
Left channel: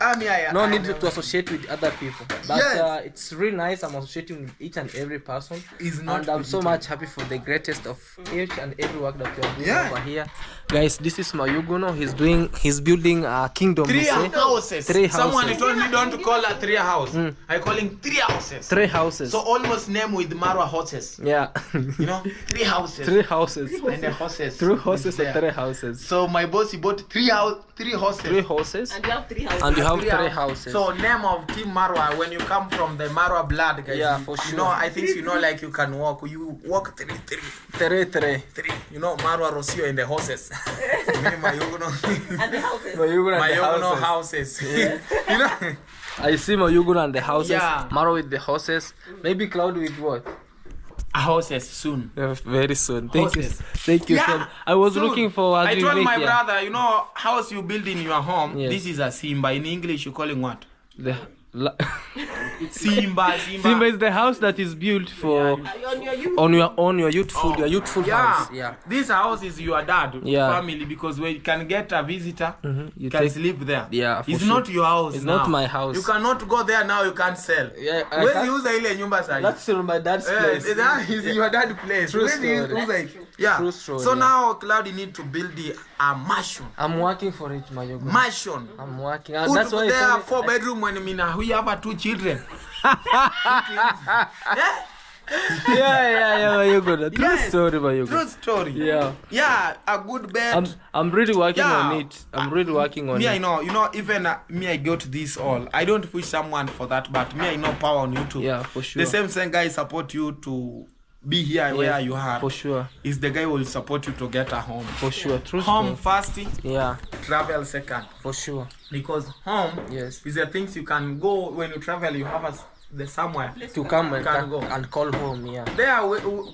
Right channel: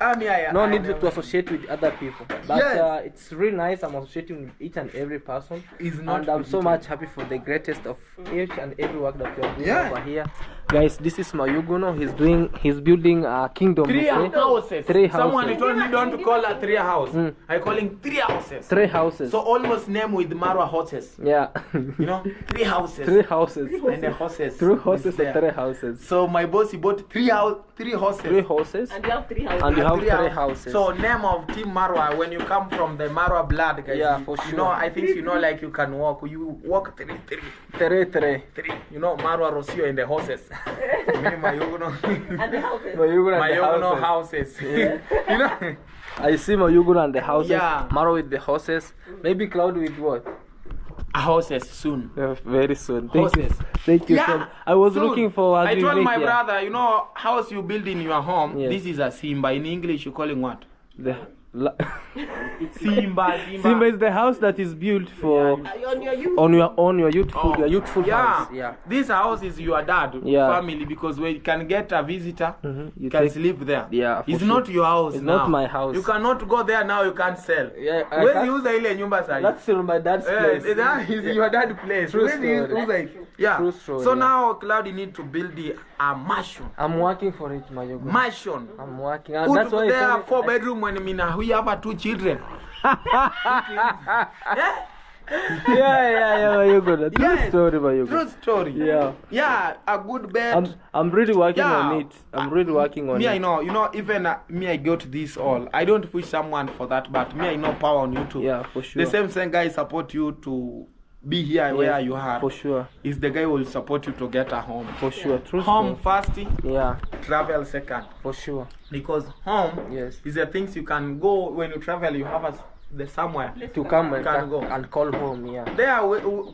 no need to associate with other people. But Yes. it's really nice. I'm associating with each and every person, It's not and I'm so political. much happy for the greatest of each and every work that you're doing Yeah. over here, guys. This is Mayuguno. He's building a kingdom. Three you say? houses. Three Someone houses. told me don't call a three house. I calling 3 houses. 3 houses. So almost name with Marwa horses. Yeah. You know, 3 houses. 3 houses. And the horses. 3 horses is there. and 3 houses. So my boss he bought 3 horses. 3 horses. And you have 3 houses. And you have 3 3 houses. So name of Team Marwa when you come from the Marwa blood, guys. Yeah, you, for You sure. know, I think you know like you can walk. You walk 3. 3. You know, Marwa Rosio and the horses. Me, Mayuguno. And the houses. Mayuguno and the Mayuguno houses. houses. You know. I see Mayuguno and the houses. Yeah. Maro with the horses. Maybe Claude with what? Houses soon. Yeah, very soon. Thank you. Horses. Thank you. Yeah, I was soon. looking for. I told my brother, you know, house you build in your home. Yes. This is a Simba. In English, you calling what? The Simba. Simba is the house that is built for On your youth. on your youthful house. Yeah. This house is your dad Yeah. family because when you can get a visitor, You you can take- sleep there. Yeah, for It's sure. not your house. It's now. not my house. You cannot go there now. You can't sell. Yeah, I Where's can't- uza ile nyumba sahi? That's still my dad's place. That is your dad place. True Where's story. uza- Yeah. True story, So yeah. now Claude need to build a mansion. I'm working for it, Mayuguno. Mansion. I'm working. Put That's why I there told you- 4 bedroom when we have 2 children. Yeah, Mayuguno. True Yes. story, Mayuguno. True story. Yeah. Yeah, a good bed. I'm really working Yeah. on it. I'm really working on Me, it. I know. You know, even me, I got this all. I don't push someone for that, but me, I know power on YouTube. Yeah, for sure. The same guy support you to be here where you are. For sure. Is the guy who will support you to get a home. For sure. True Home story. first, Yeah, travel second. for sure. Because home Yes. is the things you can go when you travel. You have the somewhere. To come and, Can go. and call home, yeah. There,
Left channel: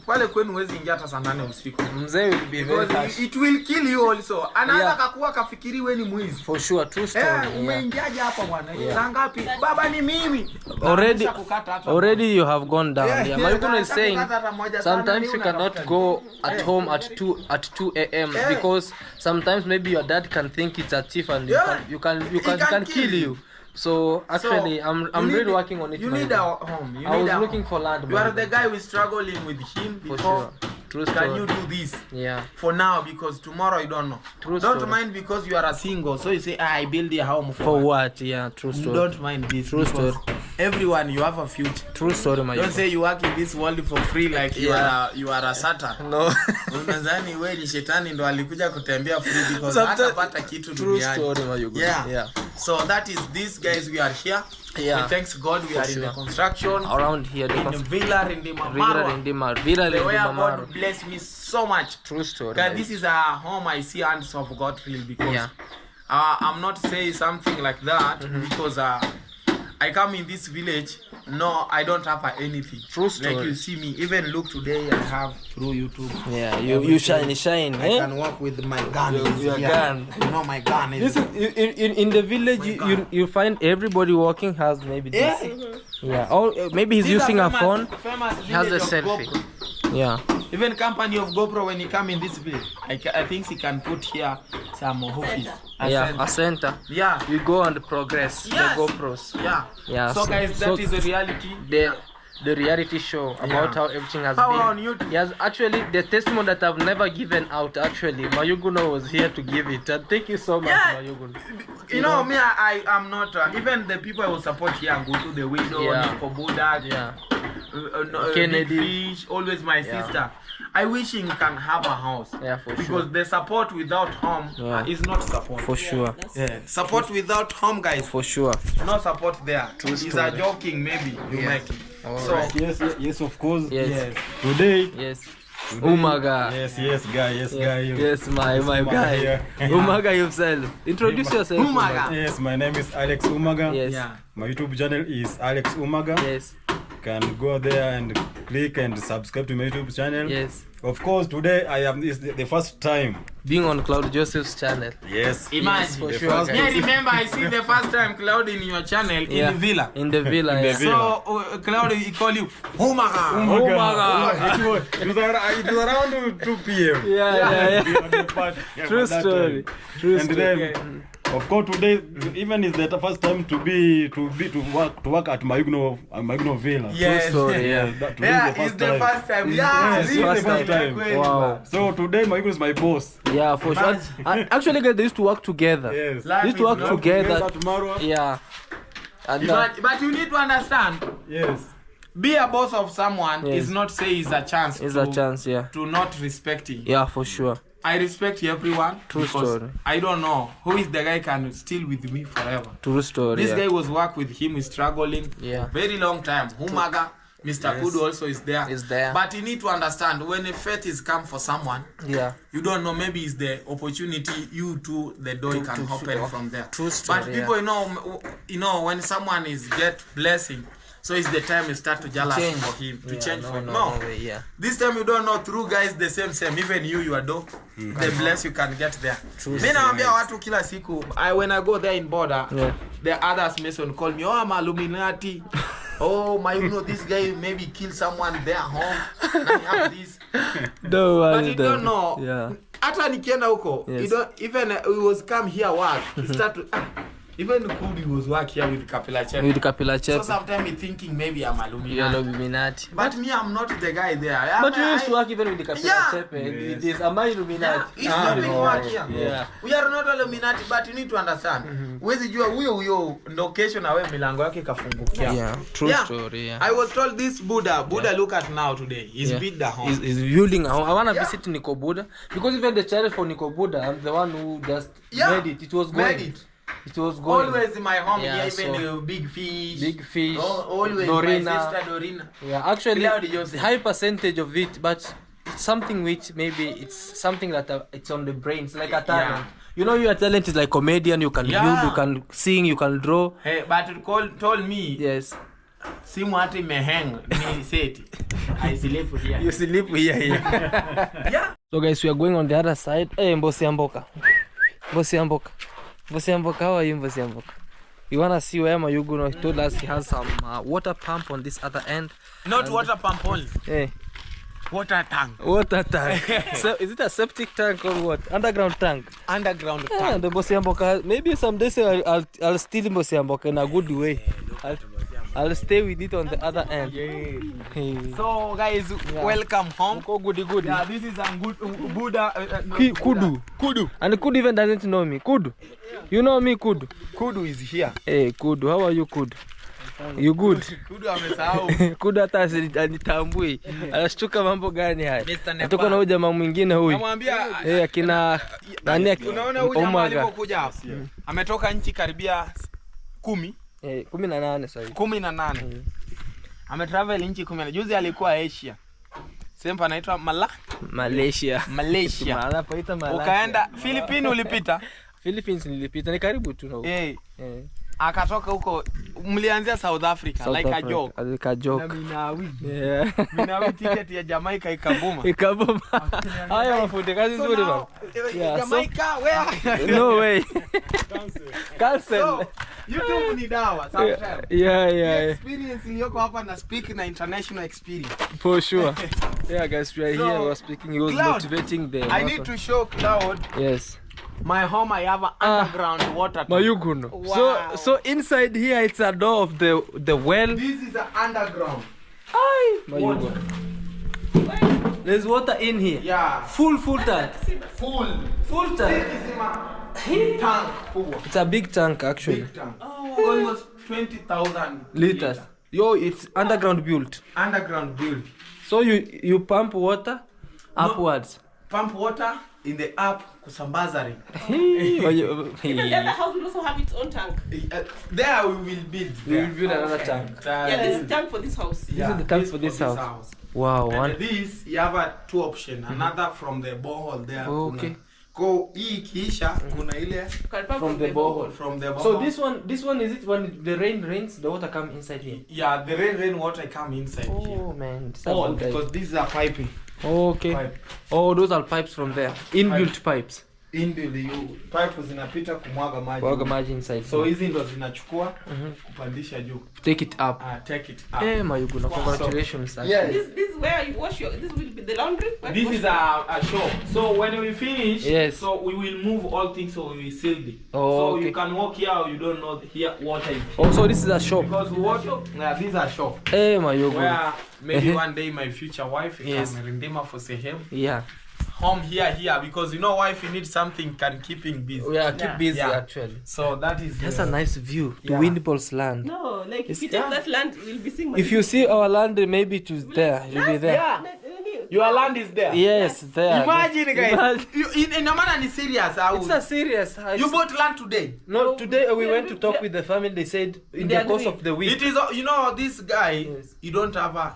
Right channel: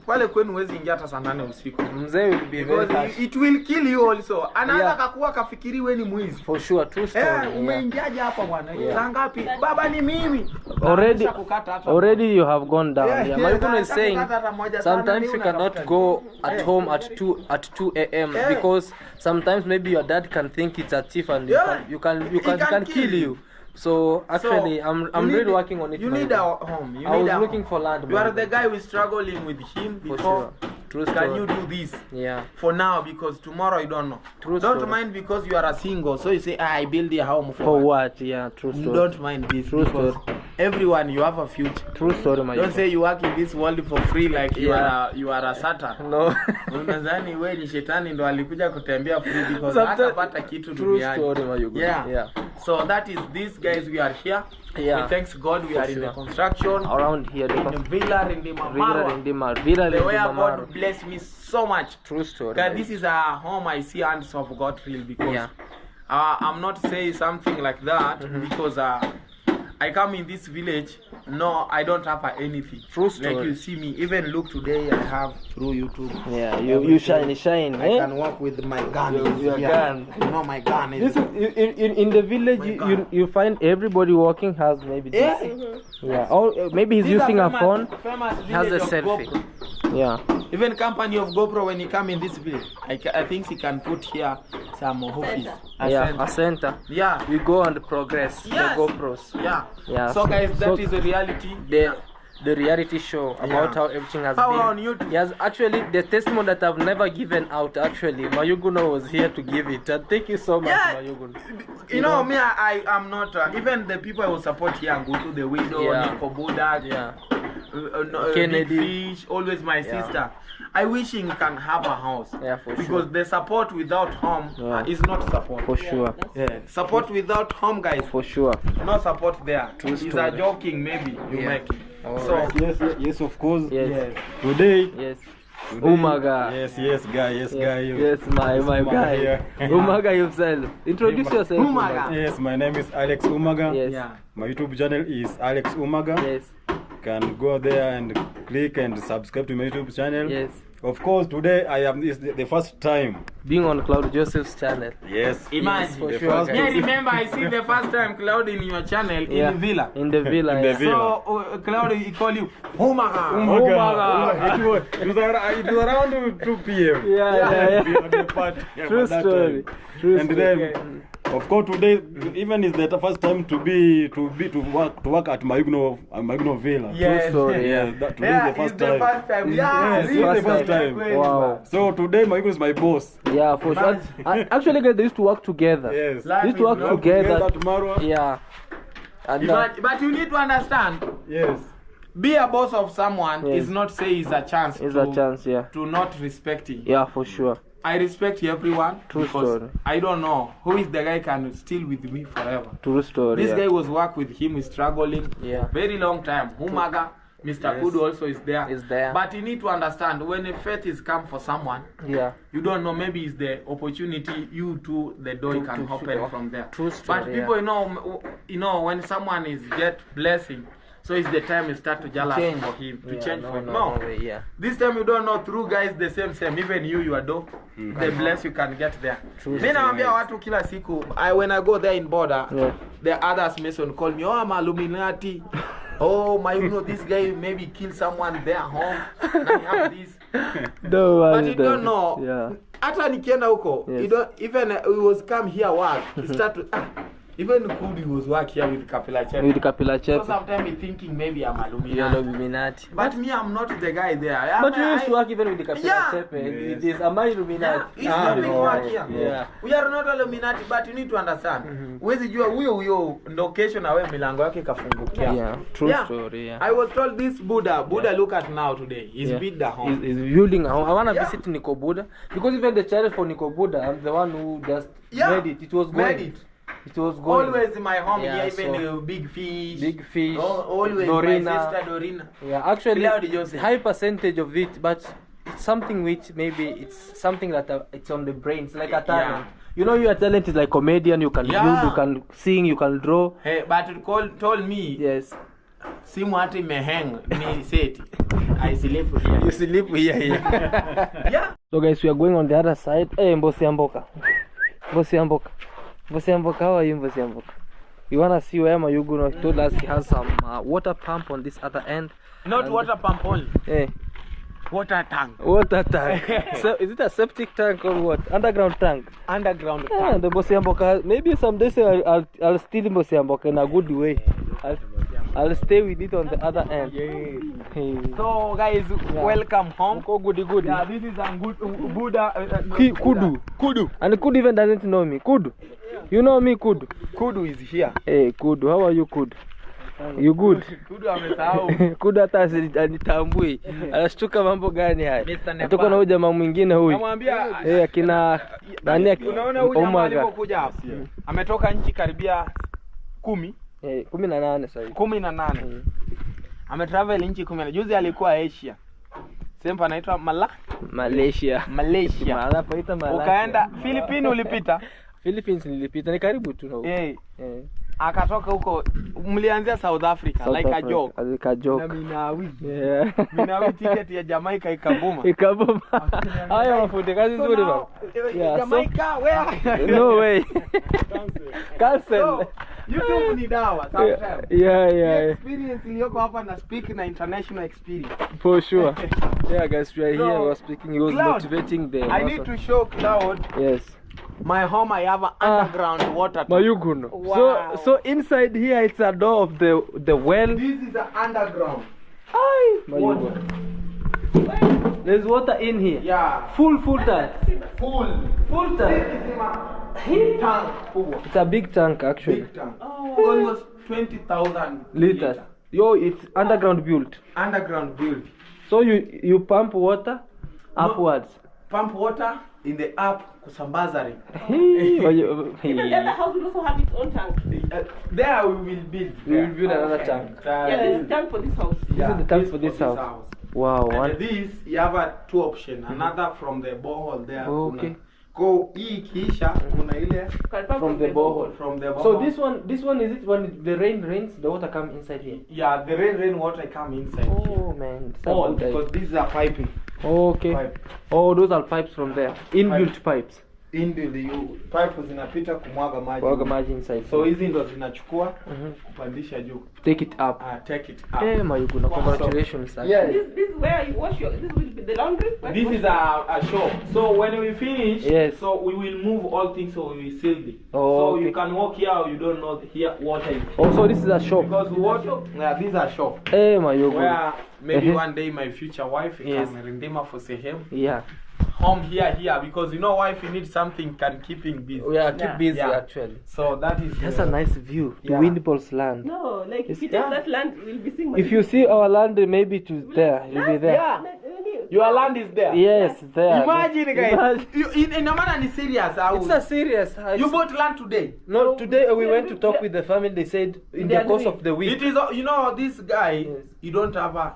pale kwenu huwezi ingia hata saa 8 usiku. Mzee will be very Because harsh. it will kill you also. Anaweza Yeah. kakuwa kafikiri we ni mwizi. For sure, true story. Yeah. Umeingiaje hapa bwana? Yeah. Saa ngapi? Baba ni mimi. Already, Naanza kukata hata already you have gone down. Yeah, Yeah, yeah, Mayuguno is naanza saying kukata hata moja sana, sometimes mimi you cannot unatafuta go at home at 2 a.m. Yeah. because sometimes maybe your dad can think it's a thief and Yeah. you can He can kill kill you. So actually, So, I'm you need- really working on it. You Mayuguno. need a home. You I need was a looking home. for land. You are Mayuguno. the guy who is struggling with him For before. sure. True Can story. you do this Yeah. for now? Because tomorrow you don't know. True Don't story. mind because you are a single. So you say, I build a home For what? Yeah, true story. Don't mind this. True because story. everyone you have a future. True story, my Don't say you work in this world for free like Yeah. you are a Satan. No. Unadhani wewe ni shetani ndo alikuja kutembea free because Sometimes- hatapata kitu True duniani. story, Mayuguno. Yeah. Yeah. So that is this guys we are here. Yeah. We thanks God we For are in the sure. construction. Around here, the In Villa in the Mamaro. The way Maro. God bless me so much. True story. God, this is a home I see hands of God real because Yeah. I'm not saying something like that because I come in this village. No, I don't have anything. True story. Like you see me, even look today I have through YouTube. Yeah, you shine. I Eh? can walk with my gun. Your here. gun. You know my gun is. This is in the village. My You, God. you find everybody walking has maybe this. Yeah. Yeah. Or maybe he's These are using a famous- phone. famous He has a village of selfie. GoPro. Yeah. Even company of GoPro, when you come in this place, I think he can put here some office. A center. Yeah. We go and progress Yes. the GoPros. Yeah. Yeah. So guys, that is the reality. The reality show about how everything has How been. on YouTube? Yes, actually, the testimony that I've never given out. Actually, Mayuguno was here to give it, and thank you so much, Mayuguno. You know me, I am not. Even the people I will support here and go to the window. Nico Budak, Kennedy, Big Fish, always my sister. I wish he can have a house. Yeah, for because sure. the support without home is not support. For sure. Support without home, guys. For sure. No support there. It's a joking, maybe you make it. So Yes, of course. Yes. Today. Yes. Umaga. Yes, guy. Yes, my guy. Here. Umaga himself. Introduce yourself. Umaga. Yes, my name is Alex Umaga. Yes. Yeah. My YouTube channel is Alex Umaga. Yes. Can go there and click and subscribe to my YouTube channel. Yes. Of course, today is the first time. Being on Claude Joseph's channel. Yes. Imagine. For The sure, first guys. Yeah, remember I see the first time Claude in your channel in the villa. In the villa. In the yeah. villa. So Claude, he call you Umaga. Umaga. It was around 2 p.m. Yeah. True At that story. time. True And story. then, of course, today even is the first time to work at Mayuguno Villa. Yes. story, Yeah, today is the first time. Yeah, Yes, this is the first time. Wow. So today Mayuguno is my boss. Yeah, for sure. Actually, guys, they used to work together. Yes. They used to work together. Tomorrow. Yeah. And But you need to understand, Yes. be a boss of someone Yes. is not say is a chance it's to, a chance, yeah. to not respecting. Yeah, for sure. I respect everyone True because story. I don't know who is the guy can still with me forever. True story. This yeah. guy was work with him, is struggling Yeah. very long time. Humaga, Mr. Kudu also is there. Is there. But you need to understand when a fate is come for someone, Yeah. you don't know, maybe it's the opportunity you to the door To- can to- open to- from there. True story, But people, you know when someone is get blessing, so it's the time you start to jealous Change. for him to Yeah, change for him. no way, yeah. This time you don't know, through guys the same. Even you are dope. The bless you can get there. Mimi naambia watu kila siku, when I go there in border, Yeah. the others Mason call me, oh, I'm Illuminati. Oh, this guy maybe kill someone there home. Now you have this. But you don't know. Yeah. Hata nikienda huko, Yes. you don't even we was come here work. He start to even Kudi was work here with Kapila Chef. With Kapila So Chef. sometimes he thinking maybe I'm Illuminati. You're Illuminati. But me, I'm not the guy there. But you used to work even with the Kapila Yeah. Chef. It is, am I Illuminati? He's not doing work here. Yeah. We are not Illuminati, but you need to understand. Huwezi jua huyo ndo kesho na wewe milango yake kafungukia. Yeah. True Yeah. story, yeah. I was told this Buddha, look at now today. He's built the home. He's building a home. I want to visit Nico Buddha because even the channel for Nico Buddha, I'm the one who just made it. It was going. Made it. It was going. Always in my home, Yeah, even so- Big Fish. Big Fish. Always Dorina. my sister Dorina. Yeah, actually, Claude Joseph. high percentage of it, but it's something which maybe it's something that it's on the brain. It's like a talent. Yeah. You know, your talent is like comedian. You can build, you can sing, you can draw. Hey, but it told me, Yes. simu hata imehang ni seti. I sleep here. You sleep here. Yeah. So guys, we are going on the other side. Hey, Mbosi Amboka. Mbosi Amboka. Mbosi Amboka, how are you, Mbosi Amboka? You wanna see where Mayuguno told us he has some water pump on this other end. Not water pump only. Hey, Water tank. water tank. So is it a septic tank or what? Underground tank. Underground Yeah, tank. the Mbosi Amboka. Maybe some days I'll steal Mbosi Amboka in a good way. I'll stay with it on the other end. Hey. So guys, welcome home. Go goody goody. Yeah, this is a good Buddha. Kudu. And Kudu even doesn't know me. Kudu. You know me, Kudu. Kudu is here. Hey, Kudu, how are you, Kudu? You good? Kudu amesahau. Kudu hata anitambui. Anashtuka mambo gani haya? Mr. Natoka na huyu jamaa mwingine huyu. Namwambia Akina nani unaona huyu jamaa alipokuja hapa. Ametoka nchi karibia 10. 18 sasa hivi. 18. Ametravel nchi 10. Juzi alikuwa Asia. Sehemu anaitwa Malaysia. Anapoita Malaysia. Ukaenda Philippines ulipita? Philippines nilipita, ni karibu tu na huko. Akatoka huko, mlianzia South Africa like a joke. Like a joke. Na Minawi. Yeah. Minawi ticket ya Jamaica ikabuma. Ikabuma. Haya mafundi kazi nzuri baba. Jamaica where? No way. Cancel. So, YouTube ni dawa sometimes. Yeah. Experience iliyoko hapa na speak na international experience. For sure. Yeah, guys, we are So, here. We are speaking. He was Claude, motivating the. I need to show Claude. Yes. My home, I have an underground water tank. Mayuguno. Wow. So inside here it's a door of the well. This is an underground. Mayuguno. There's water in here. Yeah. Full tank. Full Full tank. tank. This is my tank. It's a big tank actually. Big tank. Almost 20,000 Liters. Yo, it's underground built. Underground build. So you pump water upwards. Pump water in the up kusambaza. Even the other house will also have its own tank. There we will build. We will build another tank. Yeah, there's a tank for this house. This is the tank for this house. Wow. And this you have two options. Another from the borehole there. Oh, okay. Go hii kisha kuna ile From the borehole. from the borehole. So this one is it when the rain rains, the water come inside here? Yeah, the rain water come inside here. Oh man, it's a All good idea. because these are piping. Okay. Pipe. Oh, those are pipes from there. Inbuilt pipes. Inbuilt pipe zinapita kumwaga maji. Waga maji inside. So hizi ndo zinachukua kupandisha juu. Take it up. Take it up. Eh, Mayuguno, congratulations. Yeah. This is where you wash your. This will be the laundry. This is a shop. So when we finish, Yes. so we will move all things, so we will seal it. Oh, so okay. you can walk here, or you don't know here water is. Oh, so this is a shop. Because water, these are shop. Eh, Mayuguno. Where maybe one day my future wife Yes. can redeem for sehemu. Yeah. Home here, because you know wife you need something can keep him busy. We are keep busy Yeah. actually. So that is. That's a nice view. Yeah. The Windball's land. No, like if you Yeah. take that land, we'll be seeing. If you see our land, maybe it was there. You'll be there. Yeah. Your land is there. Yes, there. Imagine guys. Imagine. You, in a manner is serious. It's a serious. You bought land today. No, today we went to talk with the family. They said in the course of the week. It is, you know, this guy, Yes. you don't have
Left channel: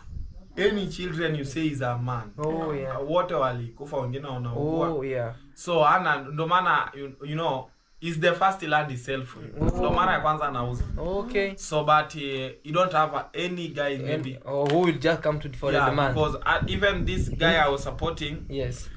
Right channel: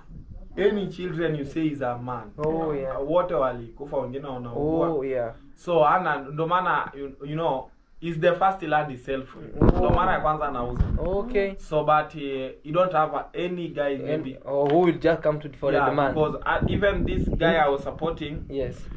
any children you say is a man. Oh yeah. Wote walikufa wengine Oh wanaugua. yeah. So ana ndo maana you know is the first land itself. Ndo mara ya kwanza anauza. Okay. So but you don't have any guy maybe. Or who will just come to for the man? Because even this guy I was supporting. Yes.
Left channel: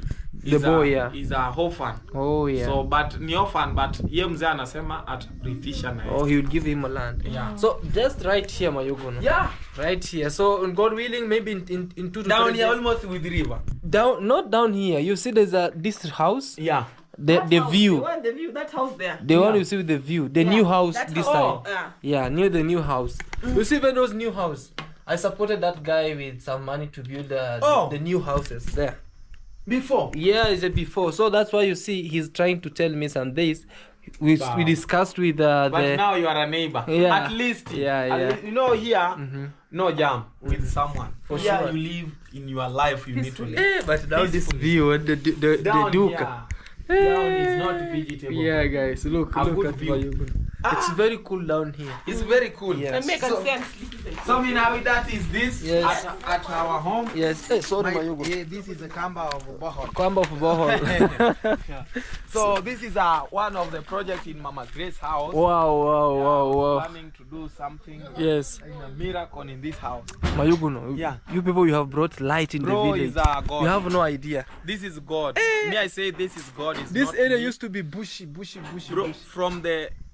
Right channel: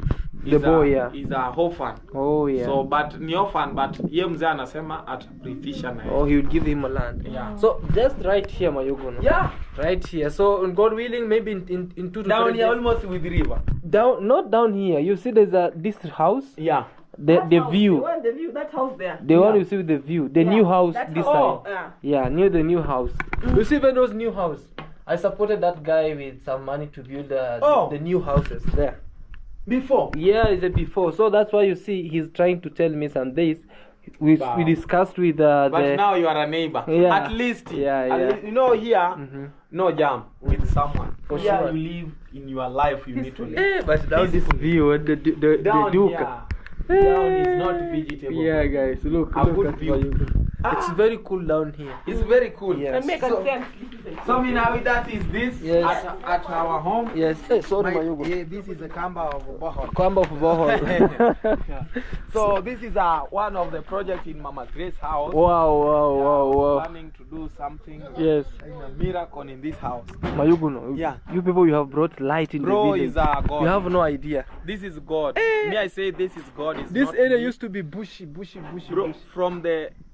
The boy, yeah. Is a orphan. Oh yeah. So but ni orphan but ye mzee anasema atarithisha na Oh, he will give him a land. Yeah. So just right here, Mayuguno. Yeah. Right here. So God willing, maybe in 2 to 3 Down here days. almost with the river. Down, not down here. You see, there's this house. Yeah. The view. The one, the view. That house there. The one you see with the view. The new house That this house. side. Yeah, near the new house. You see when those new house. I supported that guy with some money to build the new houses there. Before. Yeah, it's a before. So that's why you see he's trying to tell me some days. We discussed with But the. now you are a neighbor. Yeah. At least. Yeah, at yeah. least, you know here, no jam with someone. For here sure. you live in your life. You need to live. Eh, but now this Peacefully. view, the Down Duke. here. Down is not vegetable. Yeah, guys, look A look good at view. Mayuguno. It's very cool down here. It's very cool. Yes. And make us So- stand sleep. So now that is this Yes. at our home. Yes. Hey, sorry, Mayuguno. This is the Kamba of Bohol. Kwamba of Bohol. So this is one of the project in Mama Grace's house. Wow. Planning to do something. Yes. A miracle in this house. Mayuguno, Yeah. you people, you have brought light in Bro the village. is a God. You have no idea. This is God. Me, I say this is God. Is This not area me. used to be bushy. Bro, from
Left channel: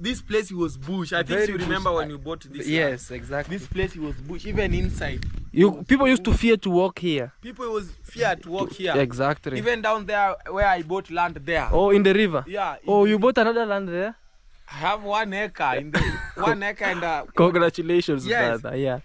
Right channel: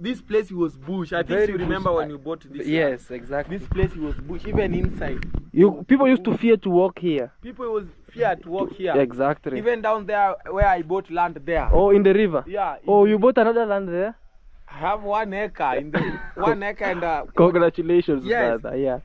this place it was bush. I think Very you remember bush. when you bought this. Yes, exactly. This place it was bush. Even inside, People used to fear to walk here. people was feared to walk here. Exactly. Even down there where I bought land there. Oh, in the river. Yeah. Oh, you bought another land there? I have 1 acre in the 1 acre and Congratulations, Yes. brother. Yeah.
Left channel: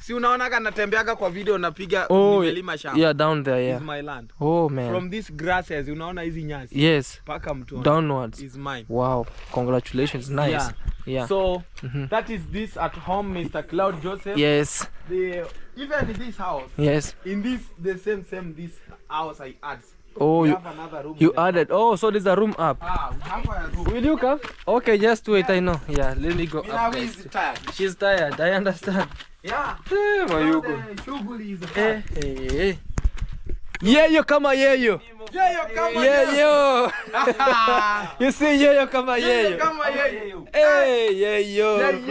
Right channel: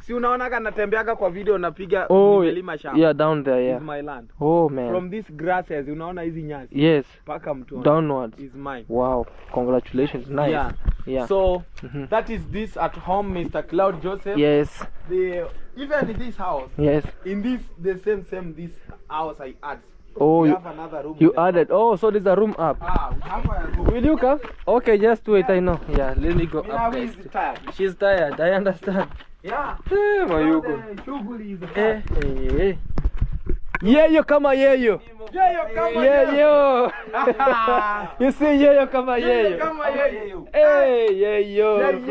si unaonaga natembeaga kwa video napiga Oh, nimelima shamba. yeah, down there, yeah. Is my land. Oh, man. From these grasses unaona hizi nyasi Yes, paka mtoni downwards. is mine. Wow, congratulations. Nice. Yeah. Yeah. So that is this at home, Mr. Claude Joseph. Yes, Even in this house, yes. in this same this house I add. Oh, we you, have another room. you there. added. Oh, so there's a room up. We have a room. Will you come? Okay, just wait. I know. Yeah, let me go Mina up. is tired. She's tired. I understand. Yeah. Eh, Mayuguno. The shughuli is Eh, eh. Yeyo kama yeyo. Yeyo kama Yeyo. You see yeyo kama yeyo. kama yeyo. Hey, yeyo. Yeah.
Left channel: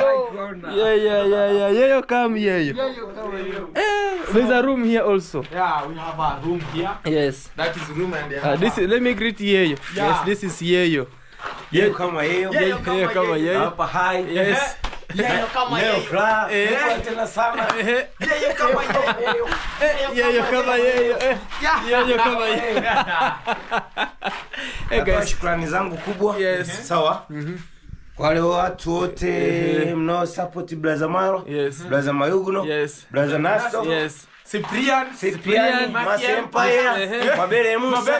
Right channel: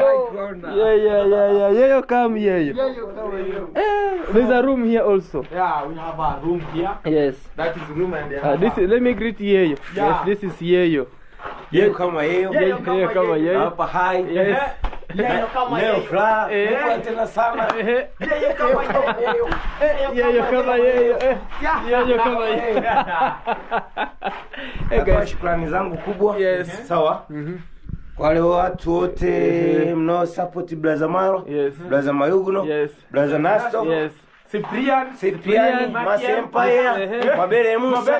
Yeyo kama yeyo. Yeyo kama yeyo. There's a room here also. Yeah, we have a room here. Yes. That is room and they have Let me greet Yeyo. Yeah. Yes, this is Yeyo. Yeyo kama yeyo. Yeyo kama yeyo. Hapa hai. Yes. Yeyo kama Leo yeyo. fla. Kwa tena sana. Yeyo kama yeyo. Yeyo kama yeyo. Yeyo kama yeyo. Hey Natoa guys. shukrani zangu kubwa. Yes. Sawa. Kwa wale watu wote mnao support Brother Maro. Yes. Brother Mayuguno. Yes. Brother Nasto. Yes. Cyprian, Mas Empire, Mabere Musa.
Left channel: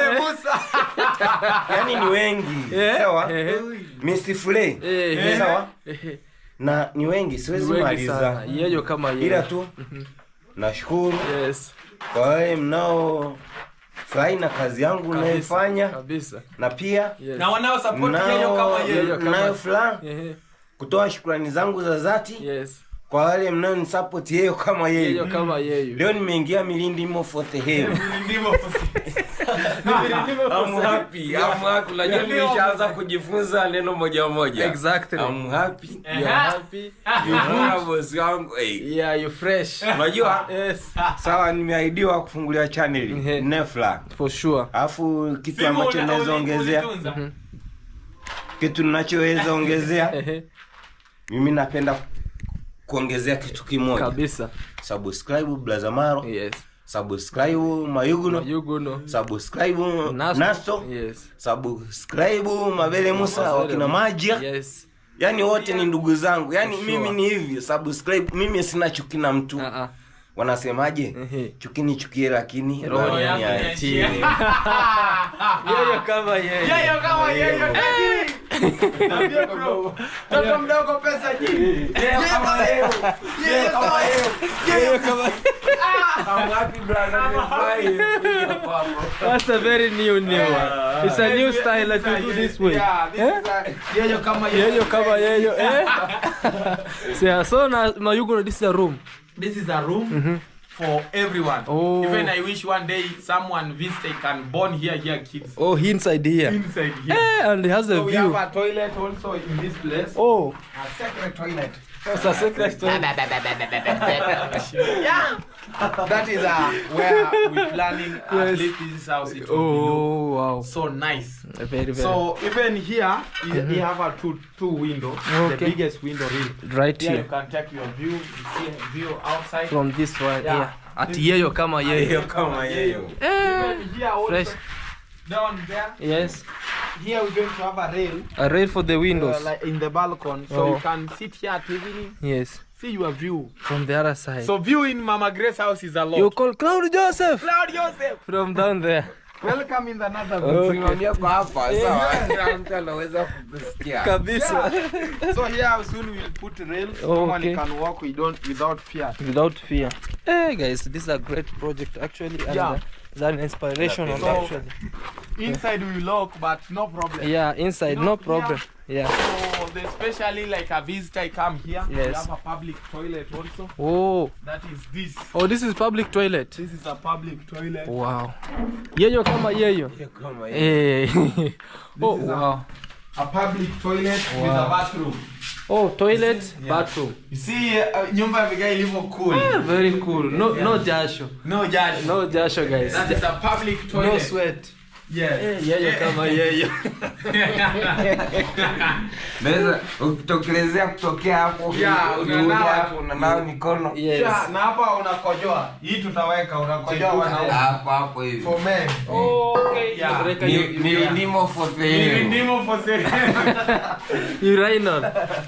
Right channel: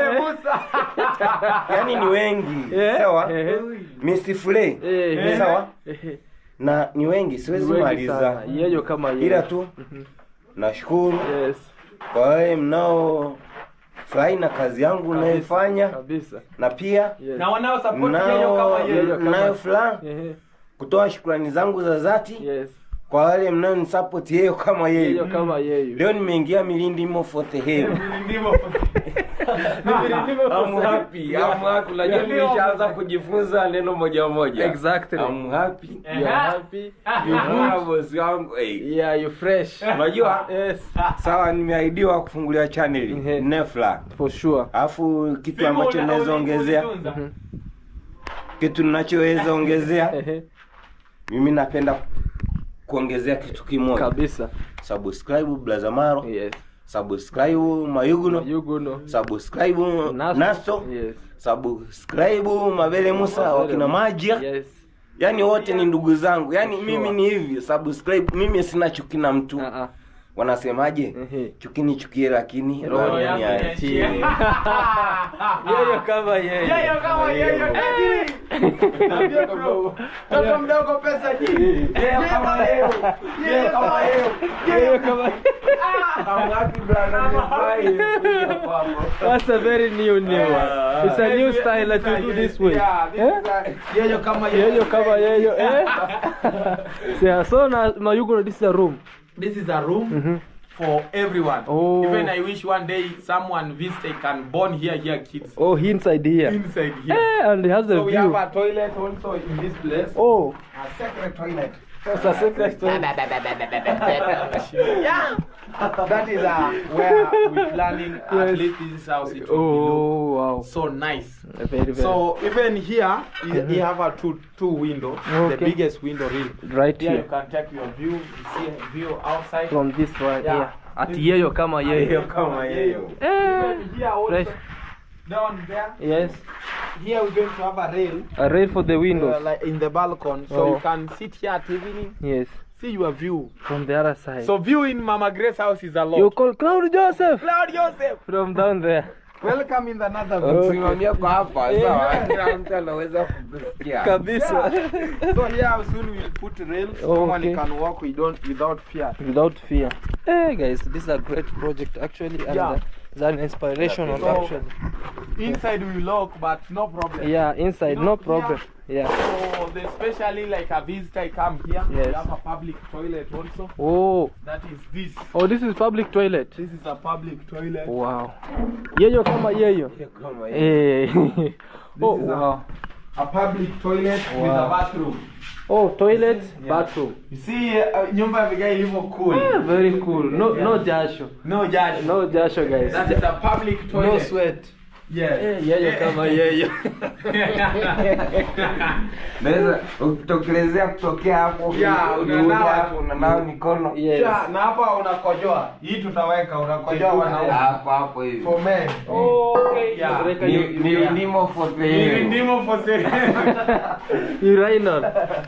Yani ni wengi. Sawa? Mr. Flay. Sawa? Na ni wengi siwezi maliza. Yeyo kama yeyo. Ila tu nashukuru. Yes. Kwa wale mnao furahi na kazi yangu naifanya Kabisa. na pia Yes. Na wanao support yeyo kama yeyo. nayo furaha kutoa shukrani zangu za dhati Yes. kwa wale mnao ni support yeyo kama Yeyo yeyo. kama yeyo. Leo nimeingia milindi mo for the hell. I'm happy. Unajua nimeshaanza kujifunza neno moja moja. Exactly. I'm happy. You're happy. You boss wangu. Yeah, you're fresh. Unajua? Yes. Sawa, nimeahidiwa kufungulia channel Nefla. For sure. Alafu kitu ambacho naweza ongezea, kitu ninachoweza ongezea, mimi napenda kuongezea kitu kimoja. Kabisa. Subscribe Brother Maro. Yes. Subscribe Mayuguno. Mayuguno. Subscribe Nasto. Yes. Subscribe Mabele Musa wakina Majia. Yes. Yani wote ni ndugu zangu. Yani mimi ni hivi, subscribe. Mimi sina chuki na mtu. Wanasemaje? Chukini chukie lakini roho ni yake. Yeyo kama yeyo. Yeyo kama yeyo. Toto mdogo pesa nyingi. Yeyo kama yeyo. Yeyo kama yeyo. Yeyo kama. I'm happy brother. That's a very new one. It's a new style that you do this way. Yeah, this is yeyo kama yeyo. Yeyo kama yeyo. So now Mayuguno, this is a room. This is a room for everyone. Oh. Even I wish one day someone visit can born here kids. Oh, inside here. Inside here. And it has a So we view. have a toilet also in this place. Oh, A separate toilet. it's a secret toilet. Yeah. That is where we're planning at least this house it will Oh, wow. look so nice. Very, very. So even here you have a two windows. The Okay. biggest window really. Right Here you here. can take your view. You see a view outside. From this one. Yeah. Yeah. At yeyo kama yeyo. Kama yeyo. Even here also Fresh. down there. Yes. Here we're going to have a rail. A rail for the windows. Like in the balcony, so Oh. you can sit here at evening, Yes. see your view. From the other side. So view in Mama Grace's house is a lot. You call Claude Joseph Claude Joseph, from down there. welcome in another view. Okay. Usimamia kwa hapa sawa. Kila mtu anaweza kusikia. Kabisa. So here soon we'll put rails. Someone Okay. can walk without fear. Without fear. Hey guys, this is a great project actually, and Yeah. it's an inspirational So- actually. Inside we lock, but no problem. Yeah, inside, You know, no problem. Yeah. So especially like a visitor come here, we Yes. have a public toilet also. Oh, That is this. oh, this is public toilet. This is a public toilet. Wow. Yeyo kama yeyo. Kama yeyo. Hey. Oh is wow. A public toilet with a bathroom. Oh, toilet, Yeah. bathroom. You see, nyumba ya vigai ilivyo cool. Very cool. No jasho. No jasho. No jasho guys. That is a public toilet. No sweat. Yes. Yeyo kama yeyo. Naweza ukitokelezea kutokea hapo. Yeah, unanawa. unanawa mikono. Yes. Na hapa unakojoa. Hii tutaweka unakojoa wanaume. Hapo hivi. For men. Oh, okay. Yeah. Milindimo for the Hii hell. ndimo for sale. Urinal.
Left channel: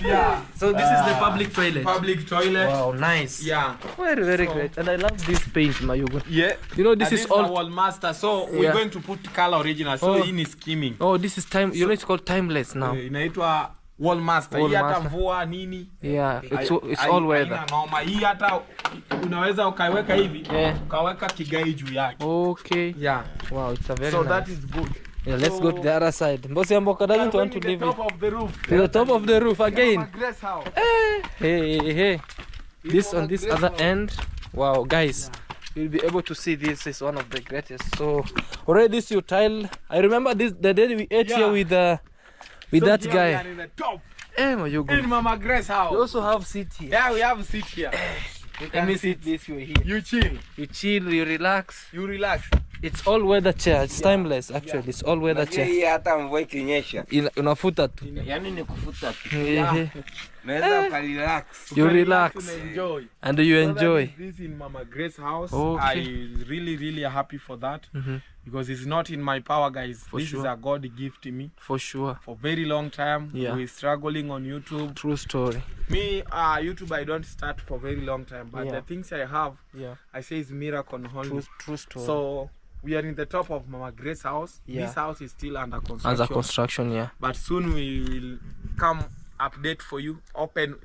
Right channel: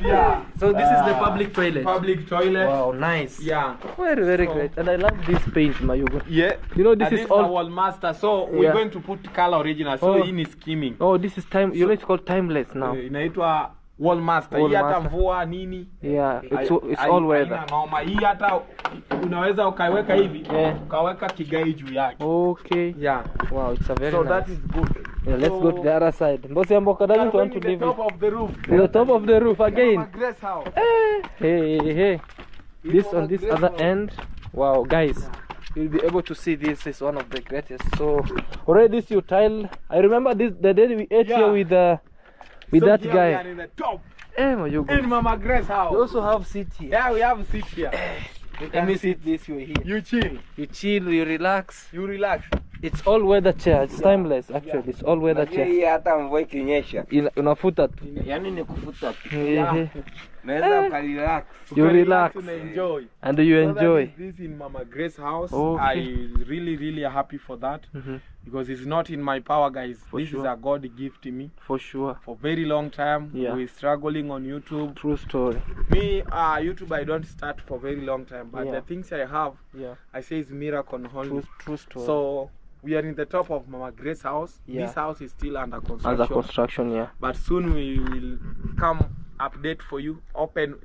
Yeah. So this is the public toilet. Public toilet. Wow, nice. Yeah. Very, very great. And I love this paint, Mayugo. Yeah. You know, this And is a all. wall master. So we're Yeah. going to put color original. So Oh. hii ni skimming. Oh, this is time. You know, it's called timeless now. Inaitwa wall master. Wall Hii hata master. mvua nini. Yeah, it's Hai- all weather. haina noma. Hii hata unaweza ukaiweka hivi. Yeah. Ukaweka kigai juu yake. Okay. Yeah. Wow, it's a very So nice. that is good. Yeah, let's go to the other side. Mbosi Amboka doesn't want to the leave it. top of the roof. To the top of the roof again. Mama Grace house. Hey. This on this other end. Wow, guys. You'll be able to see this is one of the greatest. So already this you tile. I remember this the day we ate here with So that here we guy. are in the top. Eh, Mayugo. In Mama Grace You house. also have seat here. Yeah, we have a seat here. Let me sit this way here. You chill. You chill, you relax. You relax. It's all weather chair. It's timeless actually. It's all weather Unajua chair. hii hata mvua ikinyesha. Unafuta tu. Yaani ni kufuta tu. Ehe. Unaweza ukarelax. You relax and enjoy. and you So that enjoy. is this in Mama Grace's house. Okay. I really happy for that because it's not in my power, guys. This is sure. a God gift to me. For sure. For very long time, Yeah. we're struggling on YouTube. True story. Me, YouTube, I don't start for very long time, but Yeah. the things I have, Yeah. I say is miracle only. True story. So we are in the top of Mama Grace's house. Yeah. This house is still under construction. As a construction, yeah. But soon we will come update for you. Open.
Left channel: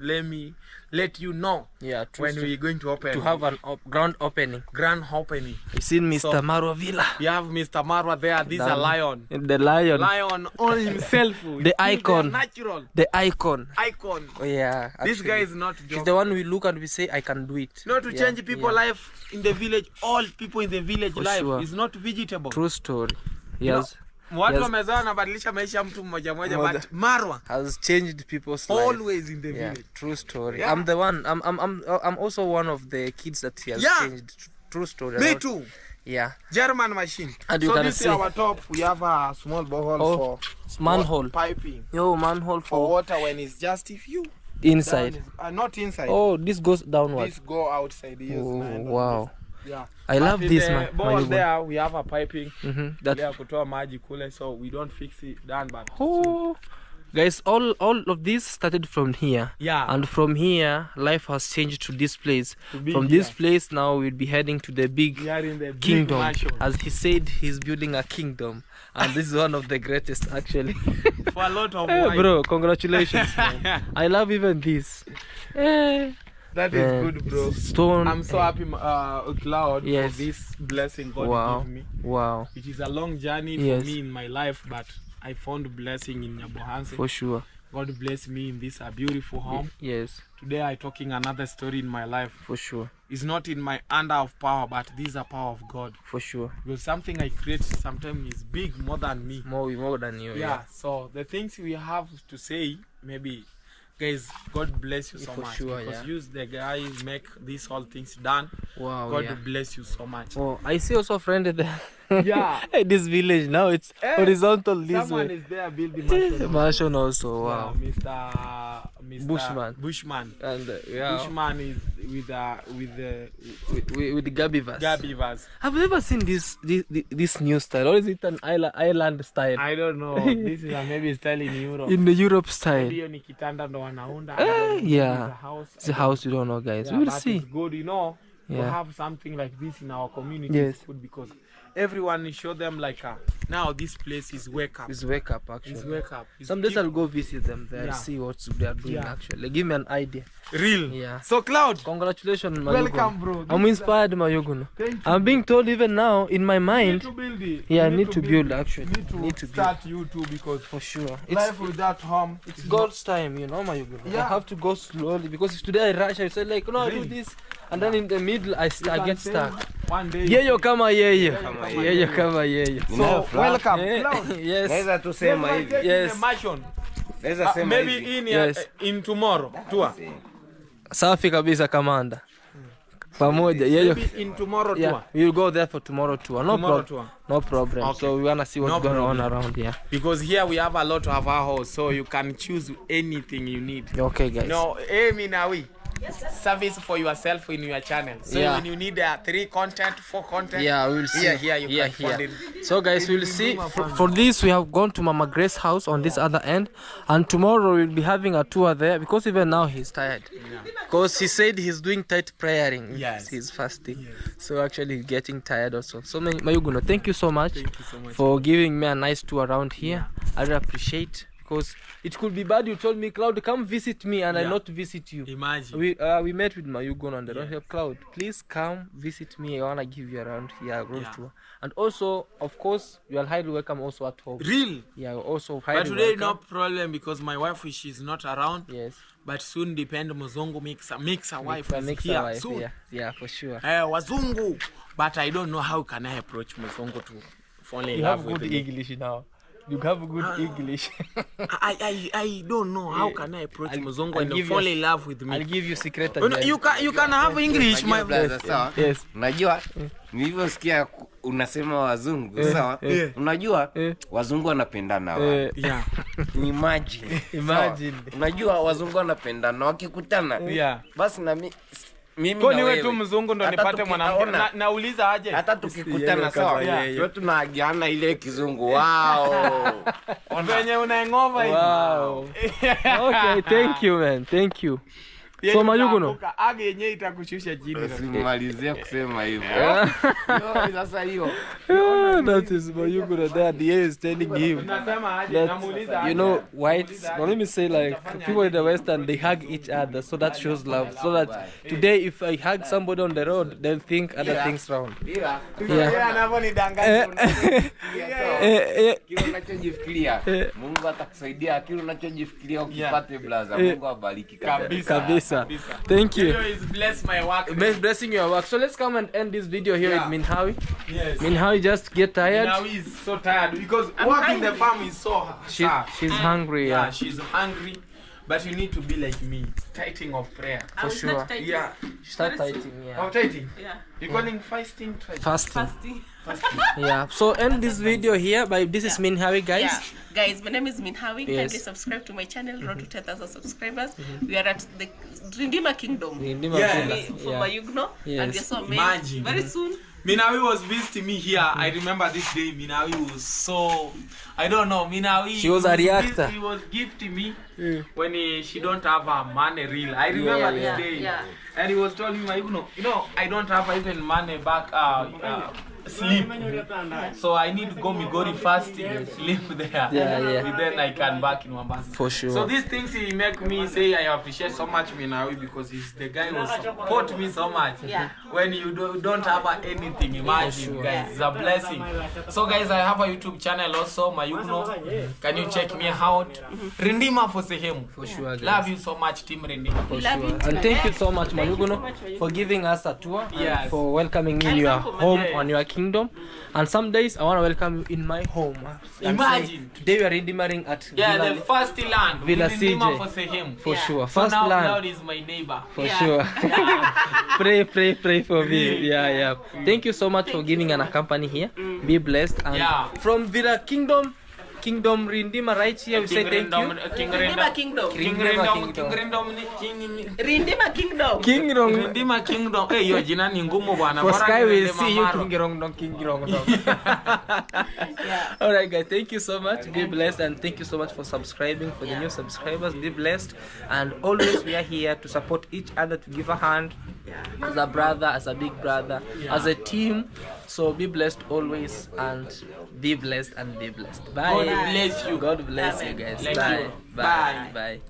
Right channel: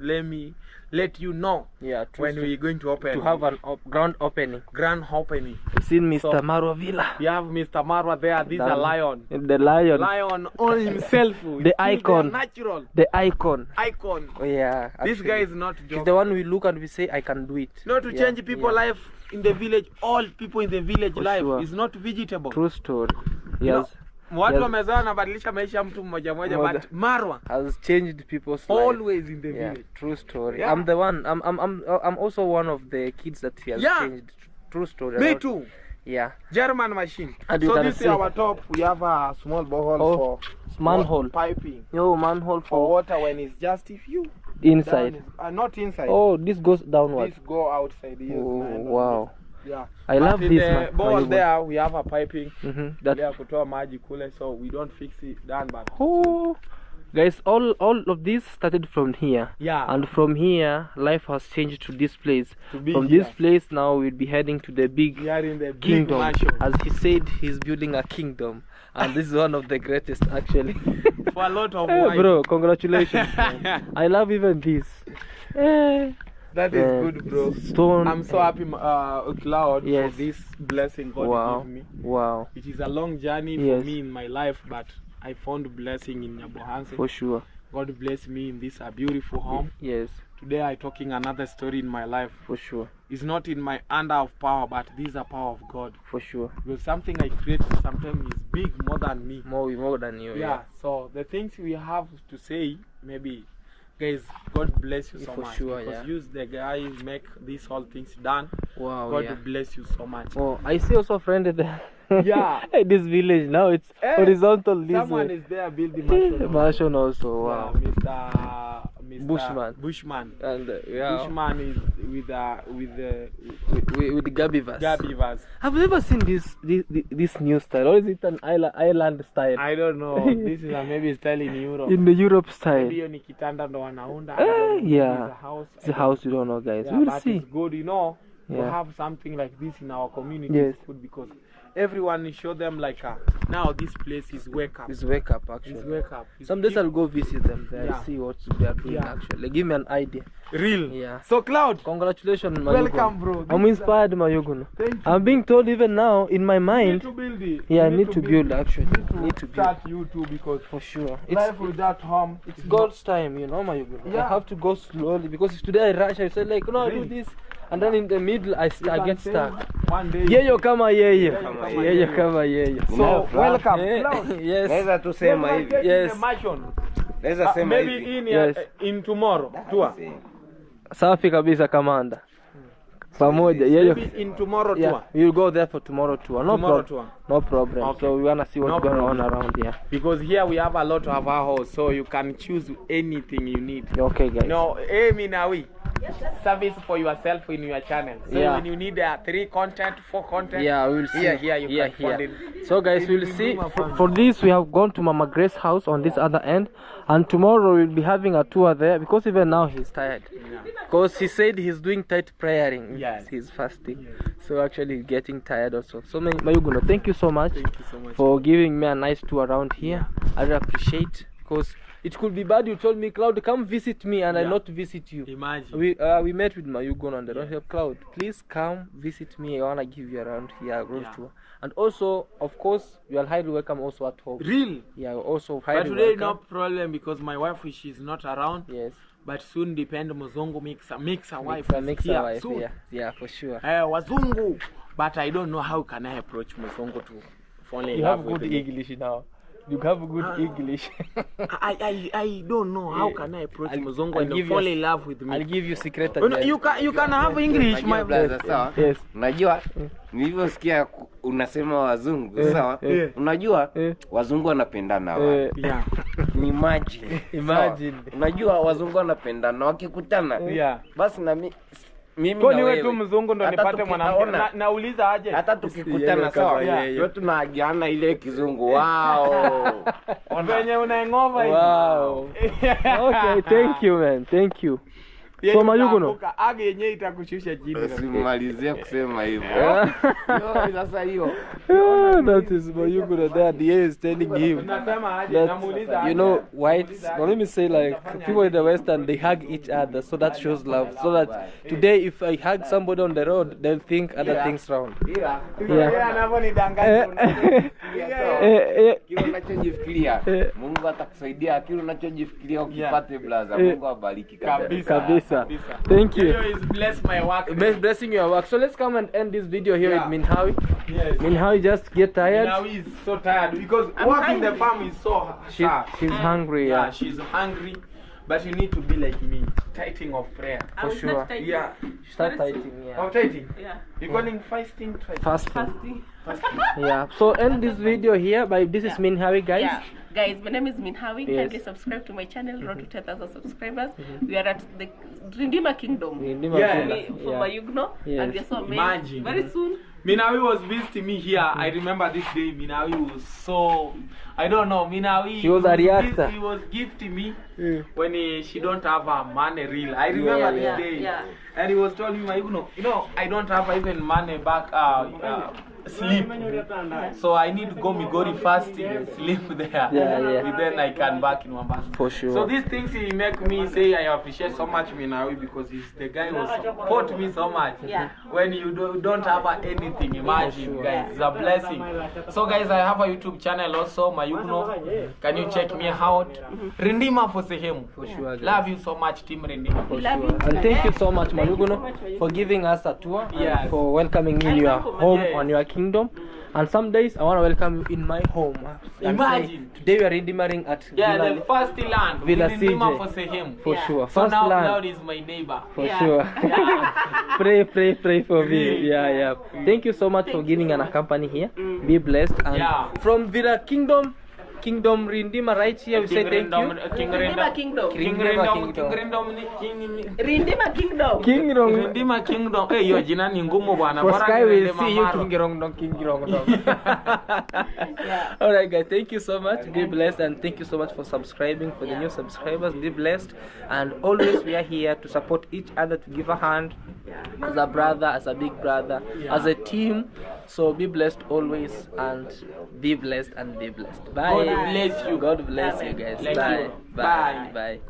Let you know Yeah. when we're going to open. to have an grand opening. grand opening. We've seen Mr. So- Marwa Villa. We have Mr. Marwa there. This is a Done. lion. The lion. Lion on himself. The He's icon. Natural The icon. icon. Oh, yeah. This actually. guy is not He's joking. the one we look and we say, I can do it. Not to Yeah, change people yeah. life in the village. All people in the village For life sure. is not vegetable. True story. You know, Yes. watu Yes. wamezaa wanabadilisha maisha ya mtu mmoja mmoja, Moja. but Marwa Has changed people's life. always in the Yeah, village. true story. Yeah. I'm the one. I'm also one of the kids that he has Yeah. changed. True story. Me too. Yeah. German machine. And you So can this see- is our top. We have a small borehole Oh, for It's manhole. piping Yo, manhole for for water when it's just if you inside. down is- not inside. Oh, this goes downward. This go outside. Yes, Oh, man, wow. Yeah. I love in this, the man. ball Mayuguno. there we have a piping. That. Ile kutoa maji kule, so we don't fix it done, but Oh, guys, all of this started from here. yeah. And from here, life has changed to this place. To be From here. this place, now we'll be heading to the big We are in the big kingdom. mansion. As he said, he's building a kingdom. And this is one of the greatest, actually. For a lot of Hey, wine. bro, congratulations, man. I love even this. Eh, That is man, good, bro. Stone. I'm so happy, Claude, Yes. for this blessing God Wow. gave me. Wow, It is a long journey Yes. for me in my life, but I found blessing in Nyabohanse. for sure. God bless me in this a beautiful home. Yes, Today I talking another story in my life. for sure. It's not in my under of power, but this is a power of God. For sure. Because something I create sometimes is big more than me. More than you. Yeah. So the things we have to say, maybe, guys, God bless you so For much. sure, because yeah. you, the guys, make these whole things done. Wow, God yeah. bless you so much. Oh, I see also a friend there. Yeah. This village now it's horizontal this Someone way. is there building mansion. Mansion also. Wow. Yeah, Mr. Bushman. Bushman. And yeah, Bushman is with with the Gabivas. Gabivas. Have you ever seen this new style, or is it an island style? I don't know. This is a maybe style in Europe. In the Europe style. Hiyo ni kitanda ndo wanaunda. I don't know. Yeah. It's a house. It's a house you don't know, guys. Yeah, We'll but see. it's good, you know, to Yeah. have something like this in our community. Yes. Is good because everyone show them like now this place is wake up. It's wake up It's actually. wake up. It's Some days keep- I'll go visit them there. Yeah. See what they are doing Yeah. actually. Give me an idea. real. Yeah. So Claude, Congratulations, Mayuguno. welcome, bro. I'm inspired, Mayuguno. Thank you. I'm being told even now in my You need mind. to build it. Yeah, I You need to build actually. Need to start you too because For sure. It's life without home. It's God's time, you know, Mayuguno. I Yeah. have to go slowly because if today I rush, I say like, no, I do Really? this, and then in the middle I get stuck. One day. Yeyo kama yeyo. Kama Yeyo kama yeyo. So welcome, Eh, Claude. yes. Naweza tu sema hivi. Yes. Naweza sema Maybe hivi. in Yes. in tomorrow tour. Safi kabisa kamanda. Pamoja. Yeyo. Maybe in tomorrow Yeah, tour. we'll go there for tomorrow tour. No Tomorrow problem. tour. No problem. Okay. So we wanna see what's No going on problem. around here. Because here we have a lot of our house, so you can choose anything you need. Okay, guys. No, aim now we service for yourself in your channel. So Yeah. when you need 3 content, 4 content, Yeah, we will see. Here you can find it. So guys, It we'll will see. be my fun. For this, we have gone to Mama Grace's house on this other end, and tomorrow we'll be having a tour there because even now he's tired. Because he said he's doing tight praying. Yes. He's fasting. So actually he's getting tired also. So Mayuguno, thank you so much, Thank you so much. for giving me a nice tour around here. I really appreciate, because it could be bad you told me, Claude, come visit me, and I Yeah. not visit you. Imagine. We met with Mayuguno and I don't have Claude. Please come visit me. I wanna give you around here road Yeah. tour. And also, of course, you are highly welcome also at home. Real. Yeah, also highly But today welcome. no problem because my wife she's not around. Yes. But soon depend Muzungu mix a wife is Mix here a wife, soon. yeah, for sure. Wazungu. But I don't know how can I approach Muzungu to fall in You love have with good me. English now. You have good English. I don't know how can I approach Mzungu I'll and give fall you- in love with I'll me. give you secret You, know, again. you can have English, my Blaza, sawa? Yes. Unajua nilivyosikia unasema wazungu sawa? Unajua wazungu wanapendana wa. Yeah. Imagine. Imagine. Sawa? Unajua wazungu wanapendana wakikutana. Yeah. Basi na mimi Kwa na niwe wewe. tu mzungu ndo Hata nipate mwanamke. tukiona- Nauliza aje? Hata tukikutana sawa? Wewe tunaagiana ile kizungu. Wow. Venye unaengova hivi. Wow. Okay, thank you, man. Thank you. Yeye So Mayuguno. utaanguka, age yenyewe itakushusha chini. Usimalizie kusema hivyo. Yo, sasa hiyo. That is Mayuguno there. The air is telling him. Unasema aje? That, Namuuliza aje? you know, whites, now let me say, like, people in the Western, they hug each other, so that shows love. So that today, if I hug somebody on the road, they'll think other things round. Ila Yeye anavyonidanganya. kile unachojifikiria Mungu atakusaidia. Kile unachojifikiria ukipate blaza, Mungu abariki kabisa. Kabisa. Thank you. Video is bless my work. Blessing your work. So let's come and end this video here with Minhawi. Yes. Minhawi just get tired. Now he's so tired because work in the farm is so hard. She's hungry. Yeah, Yeah. she's hungry, but you need to be like me, tighting of prayer. For sure. Yeah. Start fighting. Yeah. Oh, tighting. Yeah. You're calling fasting? Fasting. Fasting. Yeah. So end this video here. By this is Minhawi, guys. Yeah. Guys, my name is Minhawi. Yes. Kindly subscribe to my channel, road to 10,000 subscribers. We are at the Rindima Kingdom. Yeah. For Mayuguno. Yes. And we are so amazed. Imagine. Very soon. Minawi was visiting me here. I remember this day. Minawi was so, I don't know. Minawi. She was a reactor. He was gifting me when she don't have a money real. I remember this day. Yeah. And he was telling me, you know, I don't have even money back. Sleep. So I need to go Migori fasting and sleep there. Yeah. And then I can back in Mombasa. For sure. So these things he make me say I appreciate so much Minawi because he's the guy who support me so much. Yeah. When you don't have anything, imagine guys, it's a blessing. So guys, I have a YouTube channel also, Mayuguno. Can you check me out? Rindima for sehemu. For sure, guys. Love you so much, Team Rindima. We love you. And thank you so much, Thank you so Mayuguno, much, Mayuguno. for giving us a tour. Yes. And for welcoming me in your Welcome to home, Yes. on your kingdom. And some days I want to welcome you in my home. And Imagine. say, today we are redeeming at Yeah, Villa, the first land. Villa Rindima CJ. for sehemu. for Yeah. sure. So First now land. Claude is my neighbor. For Yeah. sure. pray for me. Yeah. Thank you so much for giving an accompany here. Be blessed. And Yeah. from Villa Kingdom Rindima right here, we say thank you. King Rindima Rindom. Kingdom. King Rindom. King Rindom. Rindima Kingdom. Kingdom. Rindima Kingdom. Eh, hiyo jina ni ngumu bwana. For Bora Sky will niende see you Mamaro. Kingirong. Yeah. Alright guys, thank you so much. Be blessed, and thank you so much for subscribing. For the new subscribers, be blessed, and always we are here to support each other, to give a hand as a brother, as a big brother, as a team. So be blessed always, and be blessed and be blessed. Bye. God bless you. God bless you guys. Thank Bye. you. Bye. Bye. Bye.